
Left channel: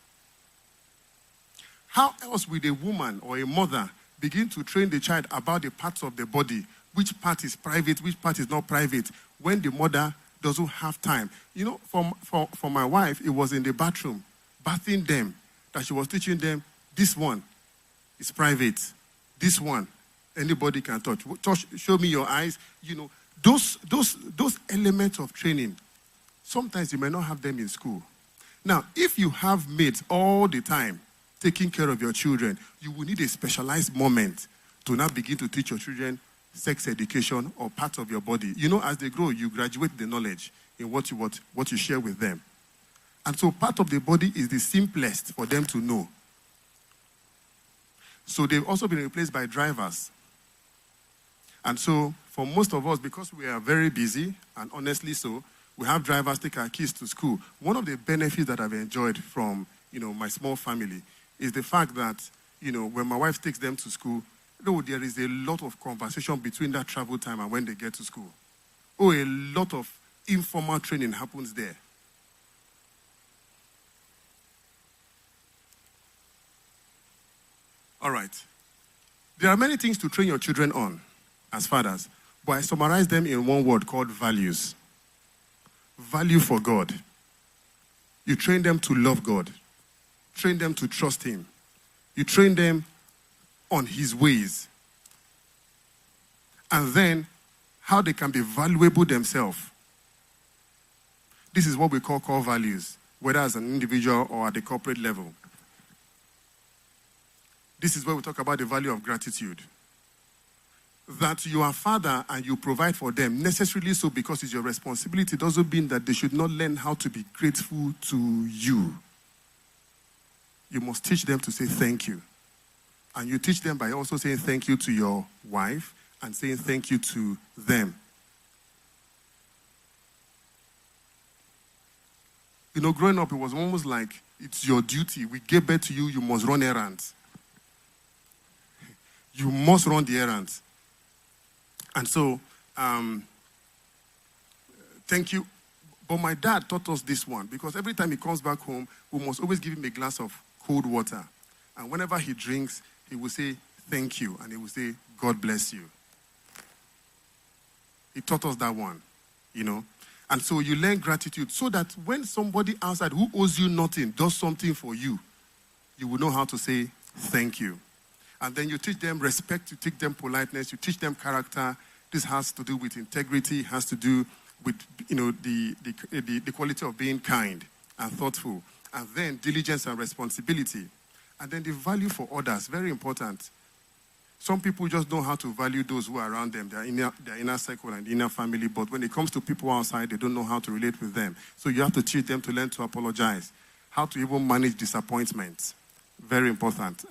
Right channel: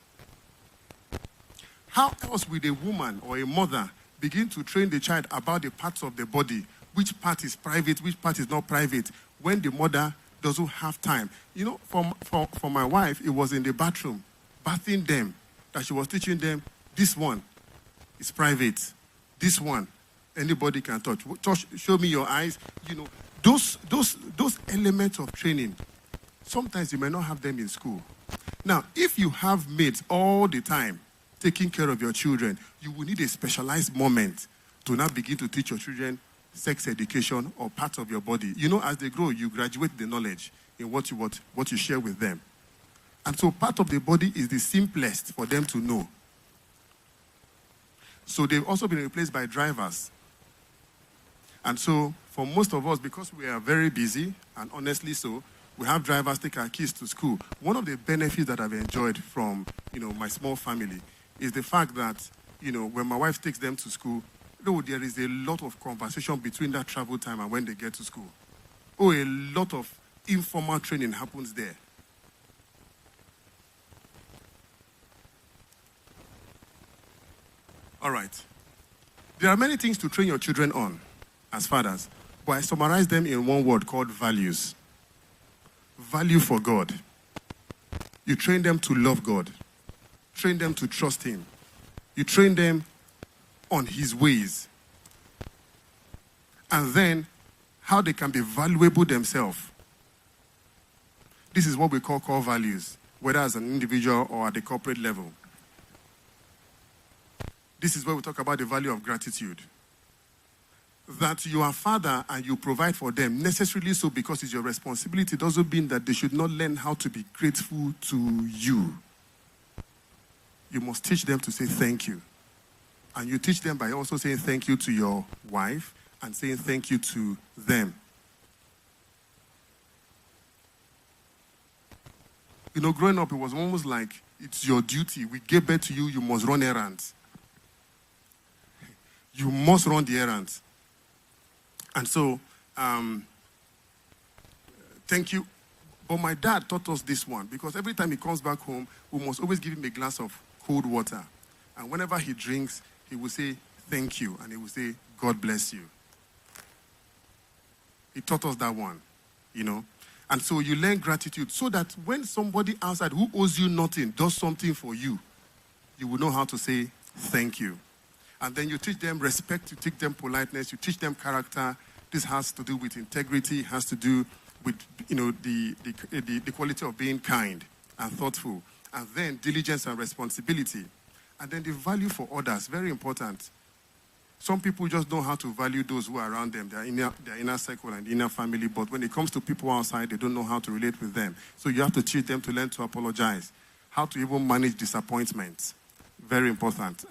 How else will a woman or a mother begin to train the child about the parts of the body, which part is private, which part is not private, when the mother doesn't have time? For my wife, it was in the bathroom, bathing them, that she was teaching them, this one is private, this one, anybody can touch. Show me your eyes. Those elements of training, sometimes you may not have them in school. Now, if you have mates all the time taking care of your children, you will need a specialized moment to now begin to teach your children sex education or parts of your body. As they grow, you graduate the knowledge in what you share with them. And so part of the body is the simplest for them to know. So they've also been replaced by drivers. And so for most of us, because we are very busy, and honestly so, we have drivers take our kids to school. One of the benefits that I've enjoyed from, my small family is the fact that, when my wife takes them to school, there is a lot of conversation between that travel time and when they get to school. A lot of informal training happens there. All right. There are many things to train your children on as fathers, but I summarize them in one word called values. Value for God. You train them to love God. Train them to trust Him. You train them on His ways. And then how they can be valuable themselves. This is what we call core values, whether as an individual or at the corporate level. This is where we talk about the value of gratitude. That you are father and you provide for them, necessarily so because it's your responsibility, doesn't mean that they should not learn how to be grateful to you. You must teach them to say thank you. And you teach them by also saying thank you to your wife and saying thank you to them. Growing up, it was almost like it's your duty. We gave birth to you, you must run errands. You must run the errands. And so, thank you. But my dad taught us this one, because every time he comes back home, we must always give him a glass of cold water. And whenever he drinks, he will say, thank you. And he will say, God bless you. He taught us that one, And so you learn gratitude so that when somebody outside who owes you nothing does something for you, you will know how to say thank you. And then you teach them respect, you teach them politeness, you teach them character. This has to do with integrity, has to do with the quality of being kind and thoughtful. And then diligence and responsibility. And then the value for others, very important. Some people just know how to value those who are around them, their inner circle and inner family. But when it comes to people outside, they don't know how to relate with them. So you have to teach them to learn to apologize, how to even manage disappointment. Very important.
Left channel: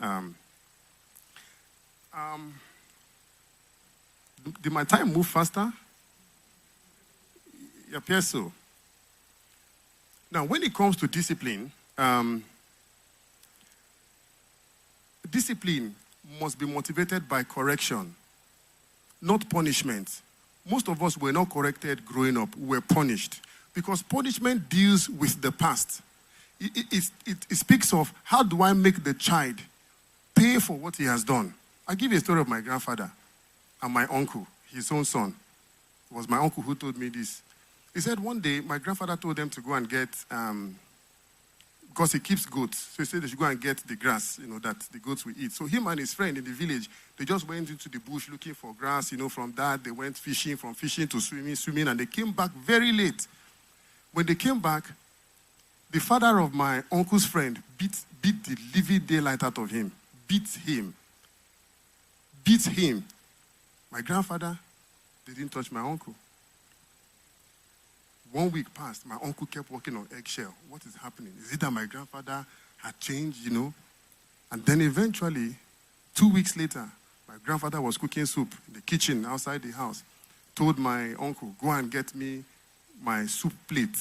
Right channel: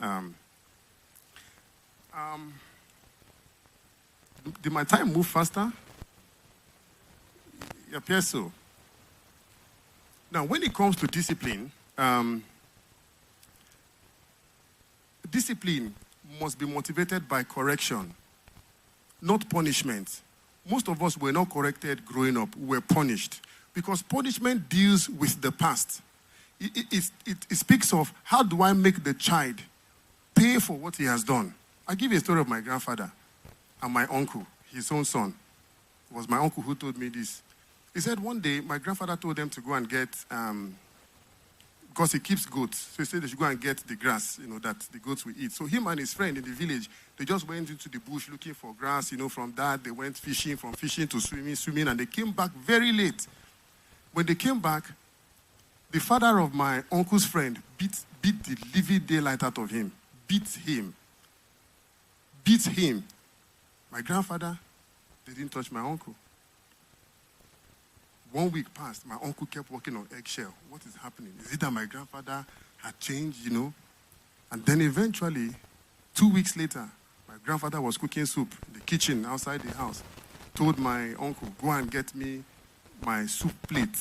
Did my time move faster? It appears so. Now, when it comes to discipline, discipline must be motivated by correction, not punishment. Most of us were not corrected growing up. We were punished. Because punishment deals with the past. It speaks of how do I make the child pay for what he has done. I'll give you a story of my grandfather and my uncle, his own son. It was my uncle who told me this. He said one day my grandfather told them to go and get because he keeps goats. So he said they should go and get the grass, that the goats will eat. So him and his friend in the village, they just went into the bush looking for grass. From that, they went fishing, from fishing to swimming, and they came back very late. When they came back, the father of my uncle's friend beat the living daylight out of him. Beat him. My grandfather, they didn't touch my uncle. 1 week passed. My uncle kept walking on eggshell. What is happening? Is it that my grandfather had changed, And then eventually, 2 weeks later, my grandfather was cooking soup in the kitchen outside the house. Told my uncle, go and get me my soup plate.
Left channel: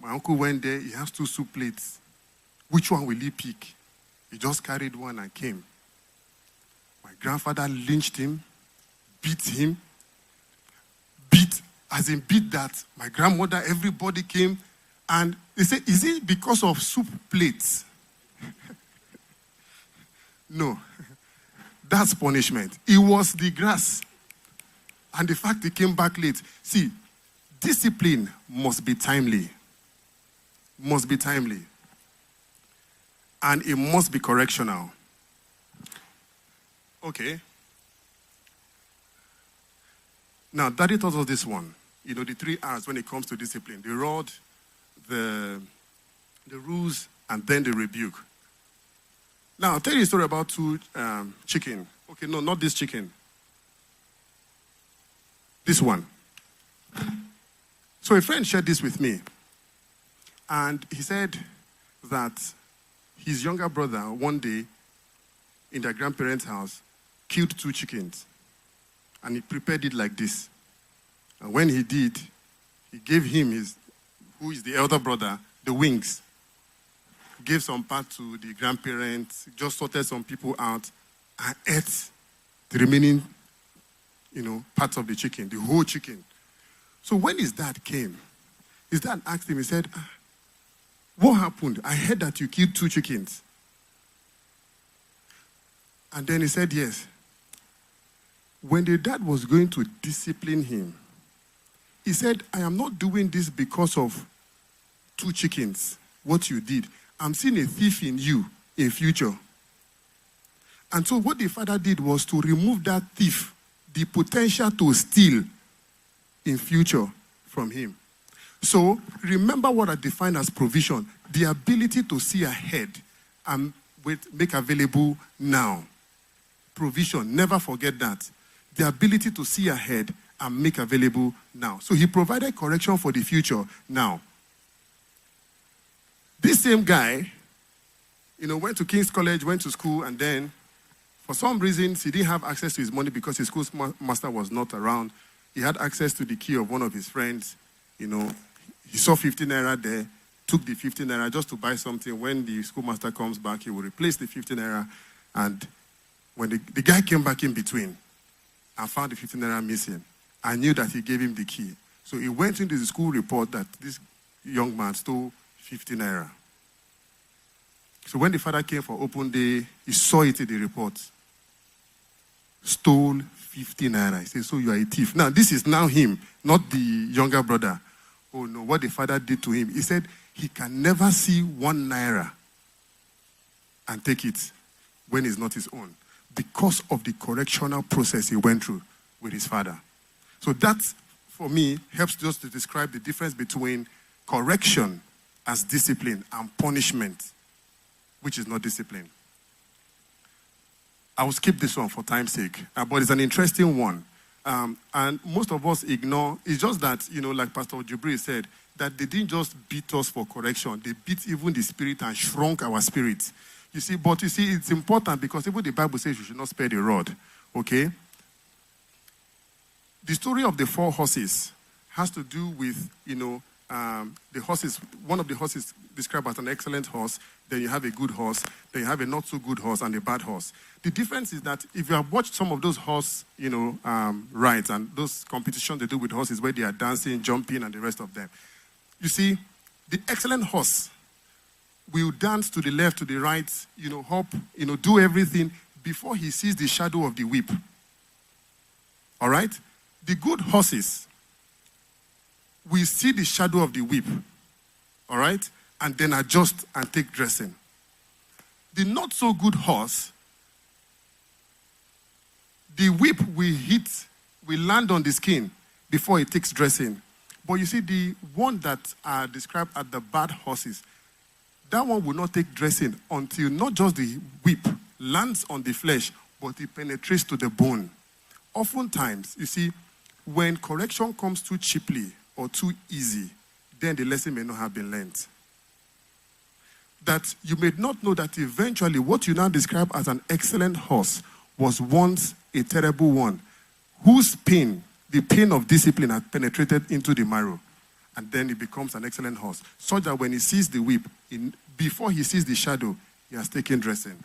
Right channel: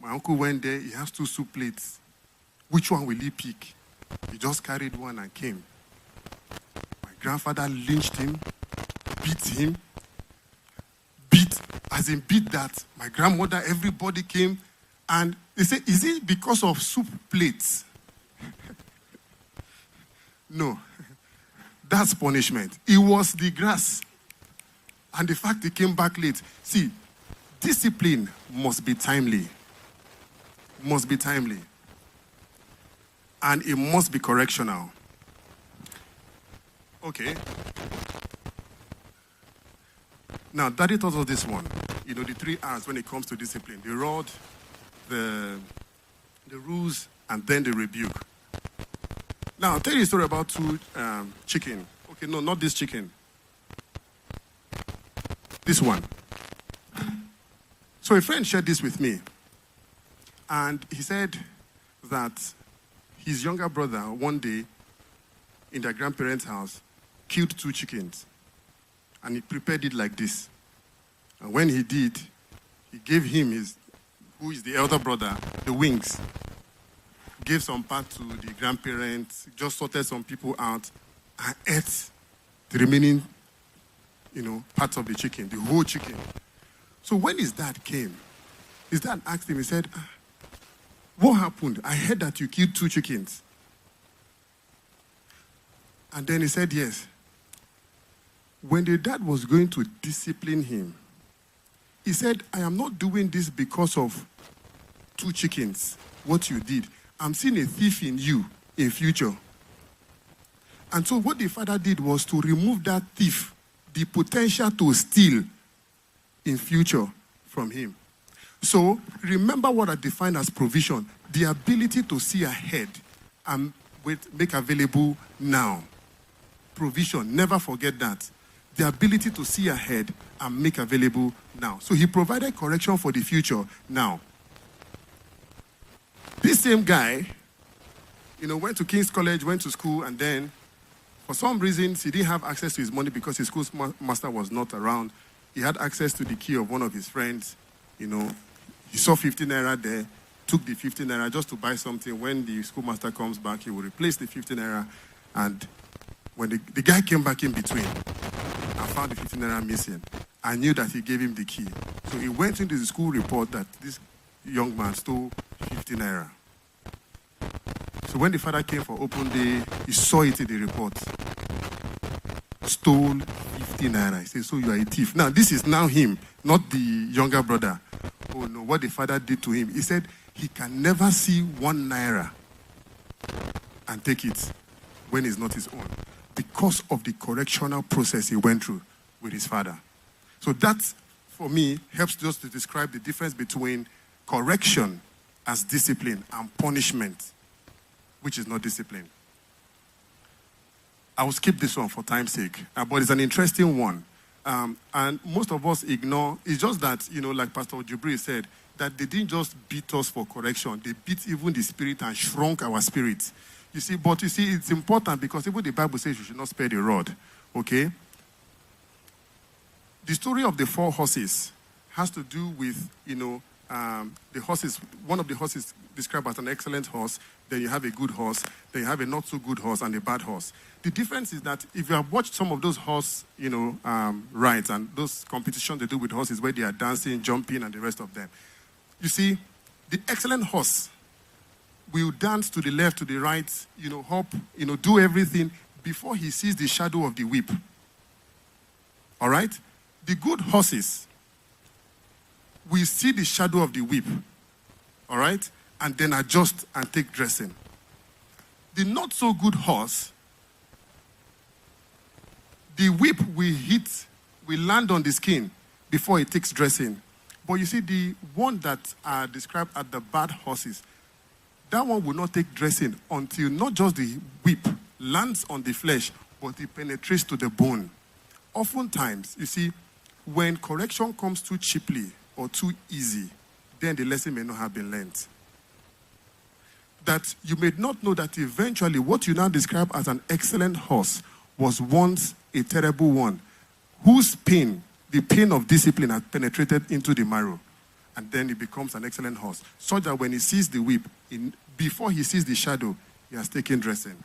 My uncle went there. He has 2 soup plates. Which one will he pick? He just carried one and came. My grandfather lynched him, beat that. My grandmother, everybody came, and they said, is it because of soup plates? No, that's punishment. It was the grass. And the fact he came back late. See, discipline must be timely. And it must be correctional. Okay. Now, Daddy taught us this one. The 3 R's when it comes to discipline. The rod, the rules, and then the rebuke. Now, I'll tell you a story about 2 chicken. Okay, no, not this chicken. This one. So a friend shared this with me. And he said that his younger brother, one day, in their grandparents' house, killed 2 chickens. And he prepared it like this. And when he did, he gave him who is the elder brother, the wings. Gave some part to the grandparents, just sorted some people out, and ate the remaining, parts of the chicken, the whole chicken. So when his dad came, his dad asked him, he said, what happened? I heard that you killed 2 chickens. And then he said, yes. When the dad was going to discipline him, he said, I am not doing this because of 2 chickens, what you did. I'm seeing a thief in you in future. And so what the father did was to remove that thief, the potential to steal in future from him. So remember what I define as provision, the ability to see ahead and make available now. Provision, never forget that. The ability to see ahead and make available now. So he provided correction for the future now. This same guy, went to King's College, went to school, and then for some reasons he didn't have access to his money because his school master was not around. He had access to the key of one of his friends. He saw 15 naira there, took the 15 naira just to buy something. When the schoolmaster comes back, he will replace the 15 naira. And when the guy came back in between and found the 15 naira missing, I knew that he gave him the key. So he went into the school report that this young man stole 15 naira. So when the father came for open day, he saw it in the report. Stole 15 naira. He said, so you are a thief. Now, this is now him, not the younger brother. Oh no, what the father did to him. He said he can never see 1 naira and take it when it's not his own because of the correctional process he went through with his father. So that, for me, helps just to describe the difference between correction as discipline and punishment, which is not discipline. I will skip this one for time's sake, but it's an interesting one. And most of us ignore. It's just that, like Pastor Jubri said, that they didn't just beat us for correction. They beat even the spirit and shrunk our spirit. But it's important because even the Bible says you should not spare the rod. Okay? The story of the 4 horses has to do with, the horses. One of the horses described as an excellent horse. Then you have a good horse. Then you have a not so good horse and a bad horse. The difference is that if you have watched some of those horse, rides and those competitions they do with horses where they are dancing, jumping, and the rest of them, you see, the excellent horse will dance to the left, to the right, hop, do everything before he sees the shadow of the whip. All right? The good horses will see the shadow of the whip. All right? and then adjust and take dressing. The not so good horse, the whip will land on the skin before it takes dressing. But you see, the one that are described as the bad horses, that one will not take dressing until not just the whip lands on the flesh, but it penetrates to the bone. Oftentimes, you see, when correction comes too cheaply or too easy, then the lesson may not have been learned. That you may not know that eventually what you now describe as an excellent horse was once a terrible one, whose pain, the pain of discipline, had penetrated into the marrow. And then it becomes an excellent horse. So that when he sees the whip, before he sees the shadow, he has taken dressing.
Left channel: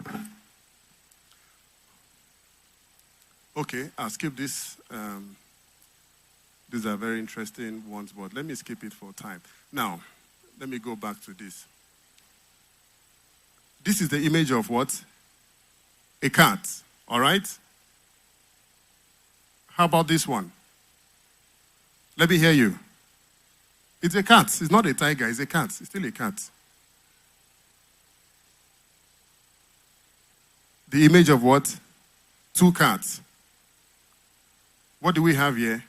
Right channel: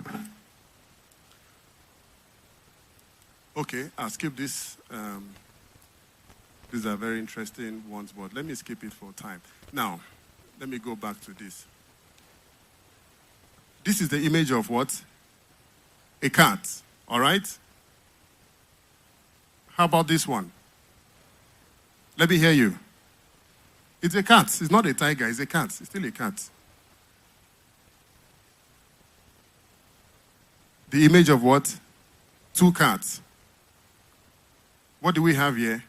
Okay, I'll skip this. These are very interesting ones, but let me skip it for time. Now, let me go back to this. This is the image of what? A cat, all right? How about this one? Let me hear you. It's a cat. It's not a tiger. It's a cat. It's still a cat. The image of what? Two cats. What do we have here?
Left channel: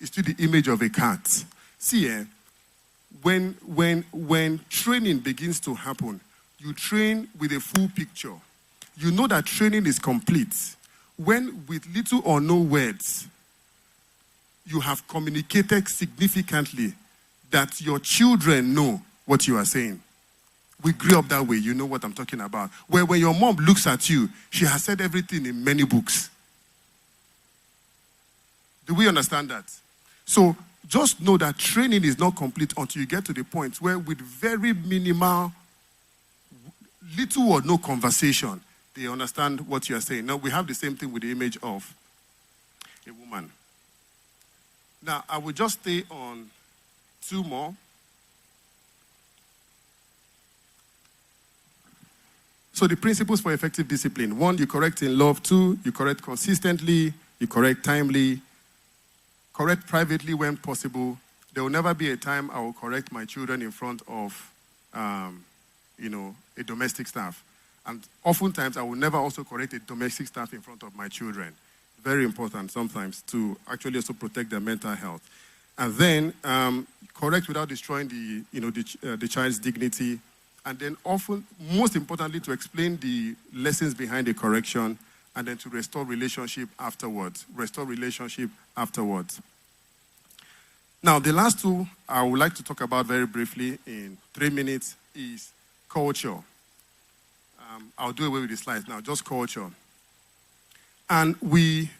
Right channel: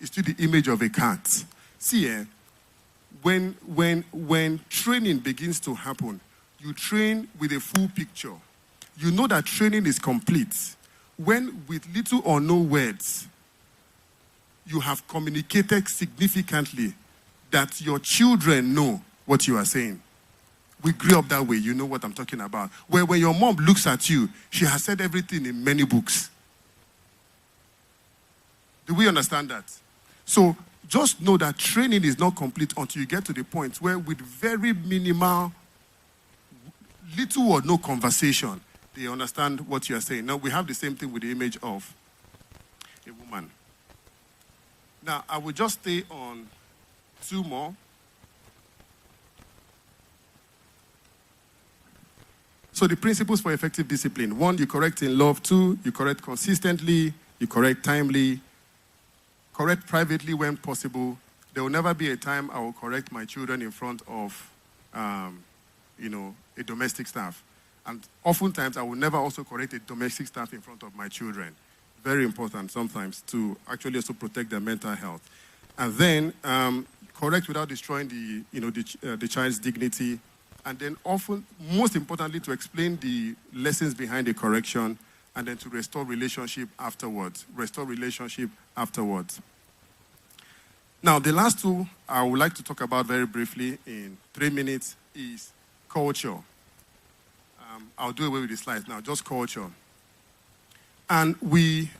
It's still the image of a cat. See here, when training begins to happen, you train with a full picture. You know that training is complete when with little or no words, you have communicated significantly that your children know what you are saying. We grew up that way. You know what I'm talking about. Where when your mom looks at you, she has said everything in many books. Do we understand that? So just know that training is not complete until you get to the point where with very minimal, little or no conversation, they understand what you are saying. Now, we have the same thing with the image of a woman. Now, I will just stay on two more. So the principles for effective discipline. 1, you correct in love. 2, you correct consistently. You correct timely. Correct privately when possible. There will never be a time I will correct my children in front of, a domestic staff. And oftentimes, I will never also correct a domestic staff in front of my children. Very important sometimes to actually also protect their mental health. And then correct without destroying the child's dignity. And then often, most importantly, to explain the lessons behind the correction, and then to restore relationship afterwards. Now, the last two I would like to talk about very briefly in 3 minutes is culture. I'll do away with the slides now, just culture. And we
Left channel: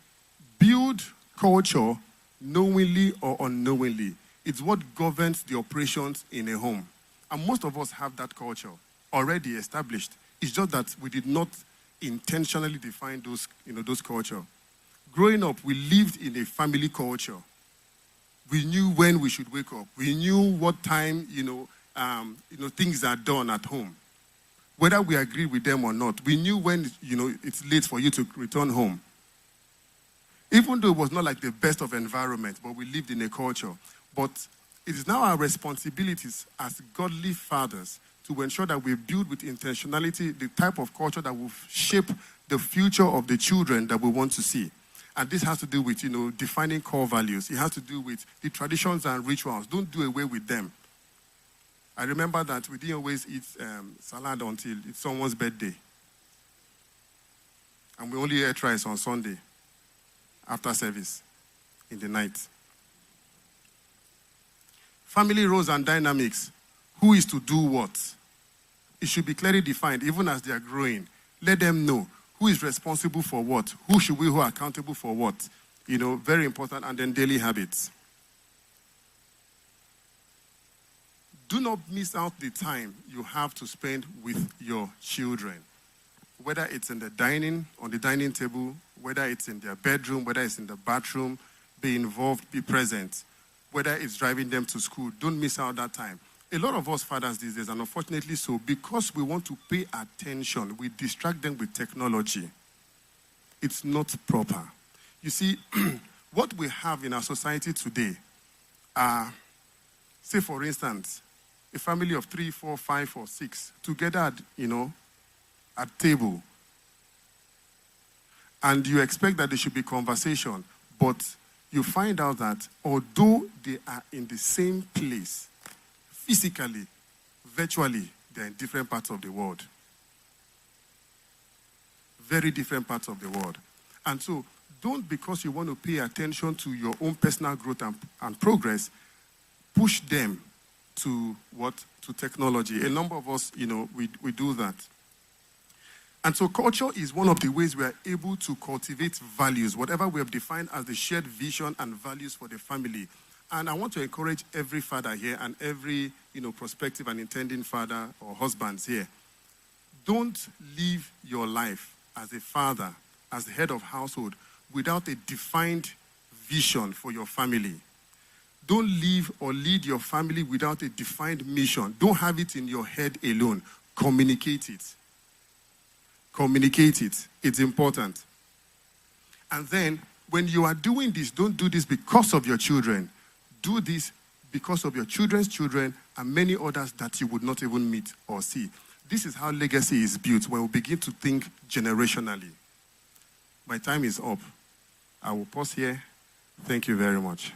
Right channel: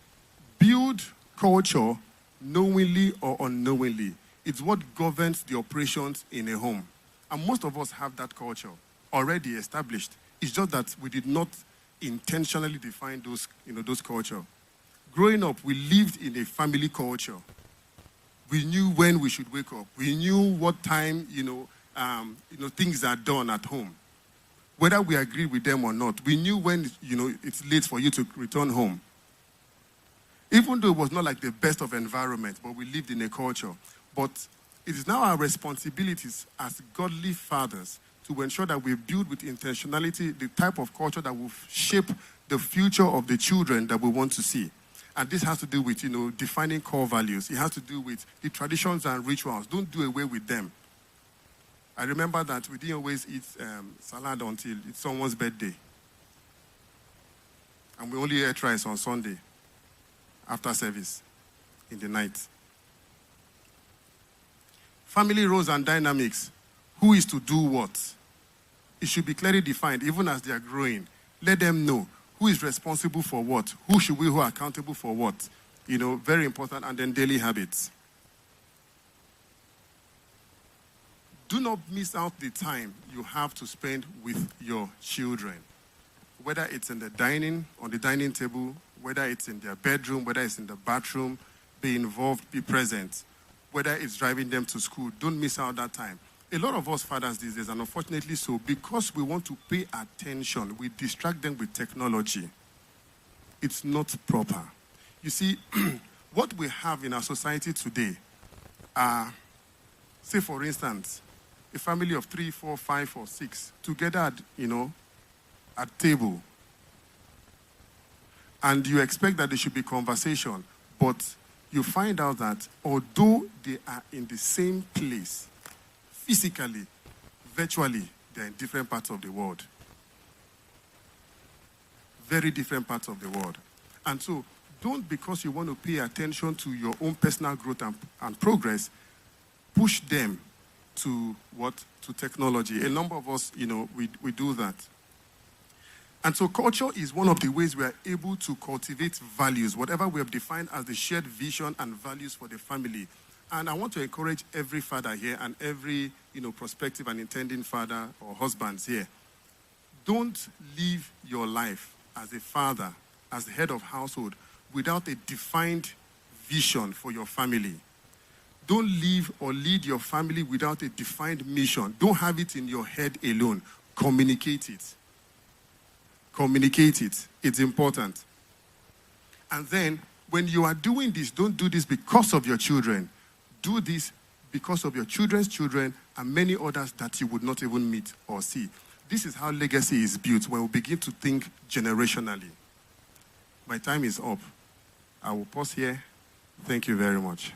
build culture knowingly or unknowingly. It's what governs the operations in a home. And most of us have that culture already established. It's just that we did not intentionally define those culture. Growing up, we lived in a family culture. We knew when we should wake up. We knew what time, things are done at home. Whether we agree with them or not, we knew when, it's late for you to return home. Even though it was not like the best of environment, but we lived in a culture. But it is now our responsibilities as godly fathers to ensure that we build with intentionality the type of culture that will shape the future of the children that we want to see. And this has to do with, defining core values. It has to do with the traditions and rituals. Don't do away with them. I remember that we didn't always eat salad until it's someone's birthday. And we only ate rice on Sunday after service in the night. Family roles and dynamics. Who is to do what? It should be clearly defined, even as they are growing. Let them know who is responsible for what, who are accountable for what. Very important. And then daily habits. Do not miss out the time you have to spend with your children. Whether it's on the dining table, whether it's in their bedroom, whether it's in the bathroom, be involved, be present. Whether it's driving them to school, don't miss out that time. A lot of us fathers these days, and unfortunately so, because we want to pay attention, we distract them with technology. It's not proper. You see, what we have in our society today are, say for instance, a family of 3, 4, 5, or 6 together at, at table. And you expect that there should be conversation, but you find out that although they are in the same place, physically, virtually, they're in different parts of the world. Very different parts of the world. And so, don't, because you want to pay attention to your own personal growth and progress, push them to what? To technology. A number of us, we do that. And so culture is one of the ways we are able to cultivate values, whatever we have defined as the shared vision and values for the family. And I want to encourage every father here and every, prospective and intending father or husbands here. Don't live your life as a father, as the head of household, without a defined vision for your family. Don't live or lead your family without a defined mission. Don't have it in your head alone. Communicate it. Communicate it. It's important. And then, when you are doing this, don't do this because of your children. Do this because of your children's children and many others that you would not even meet or see. This is how legacy is built when we begin to think generationally. My time is up. I will pause here. Thank you very much.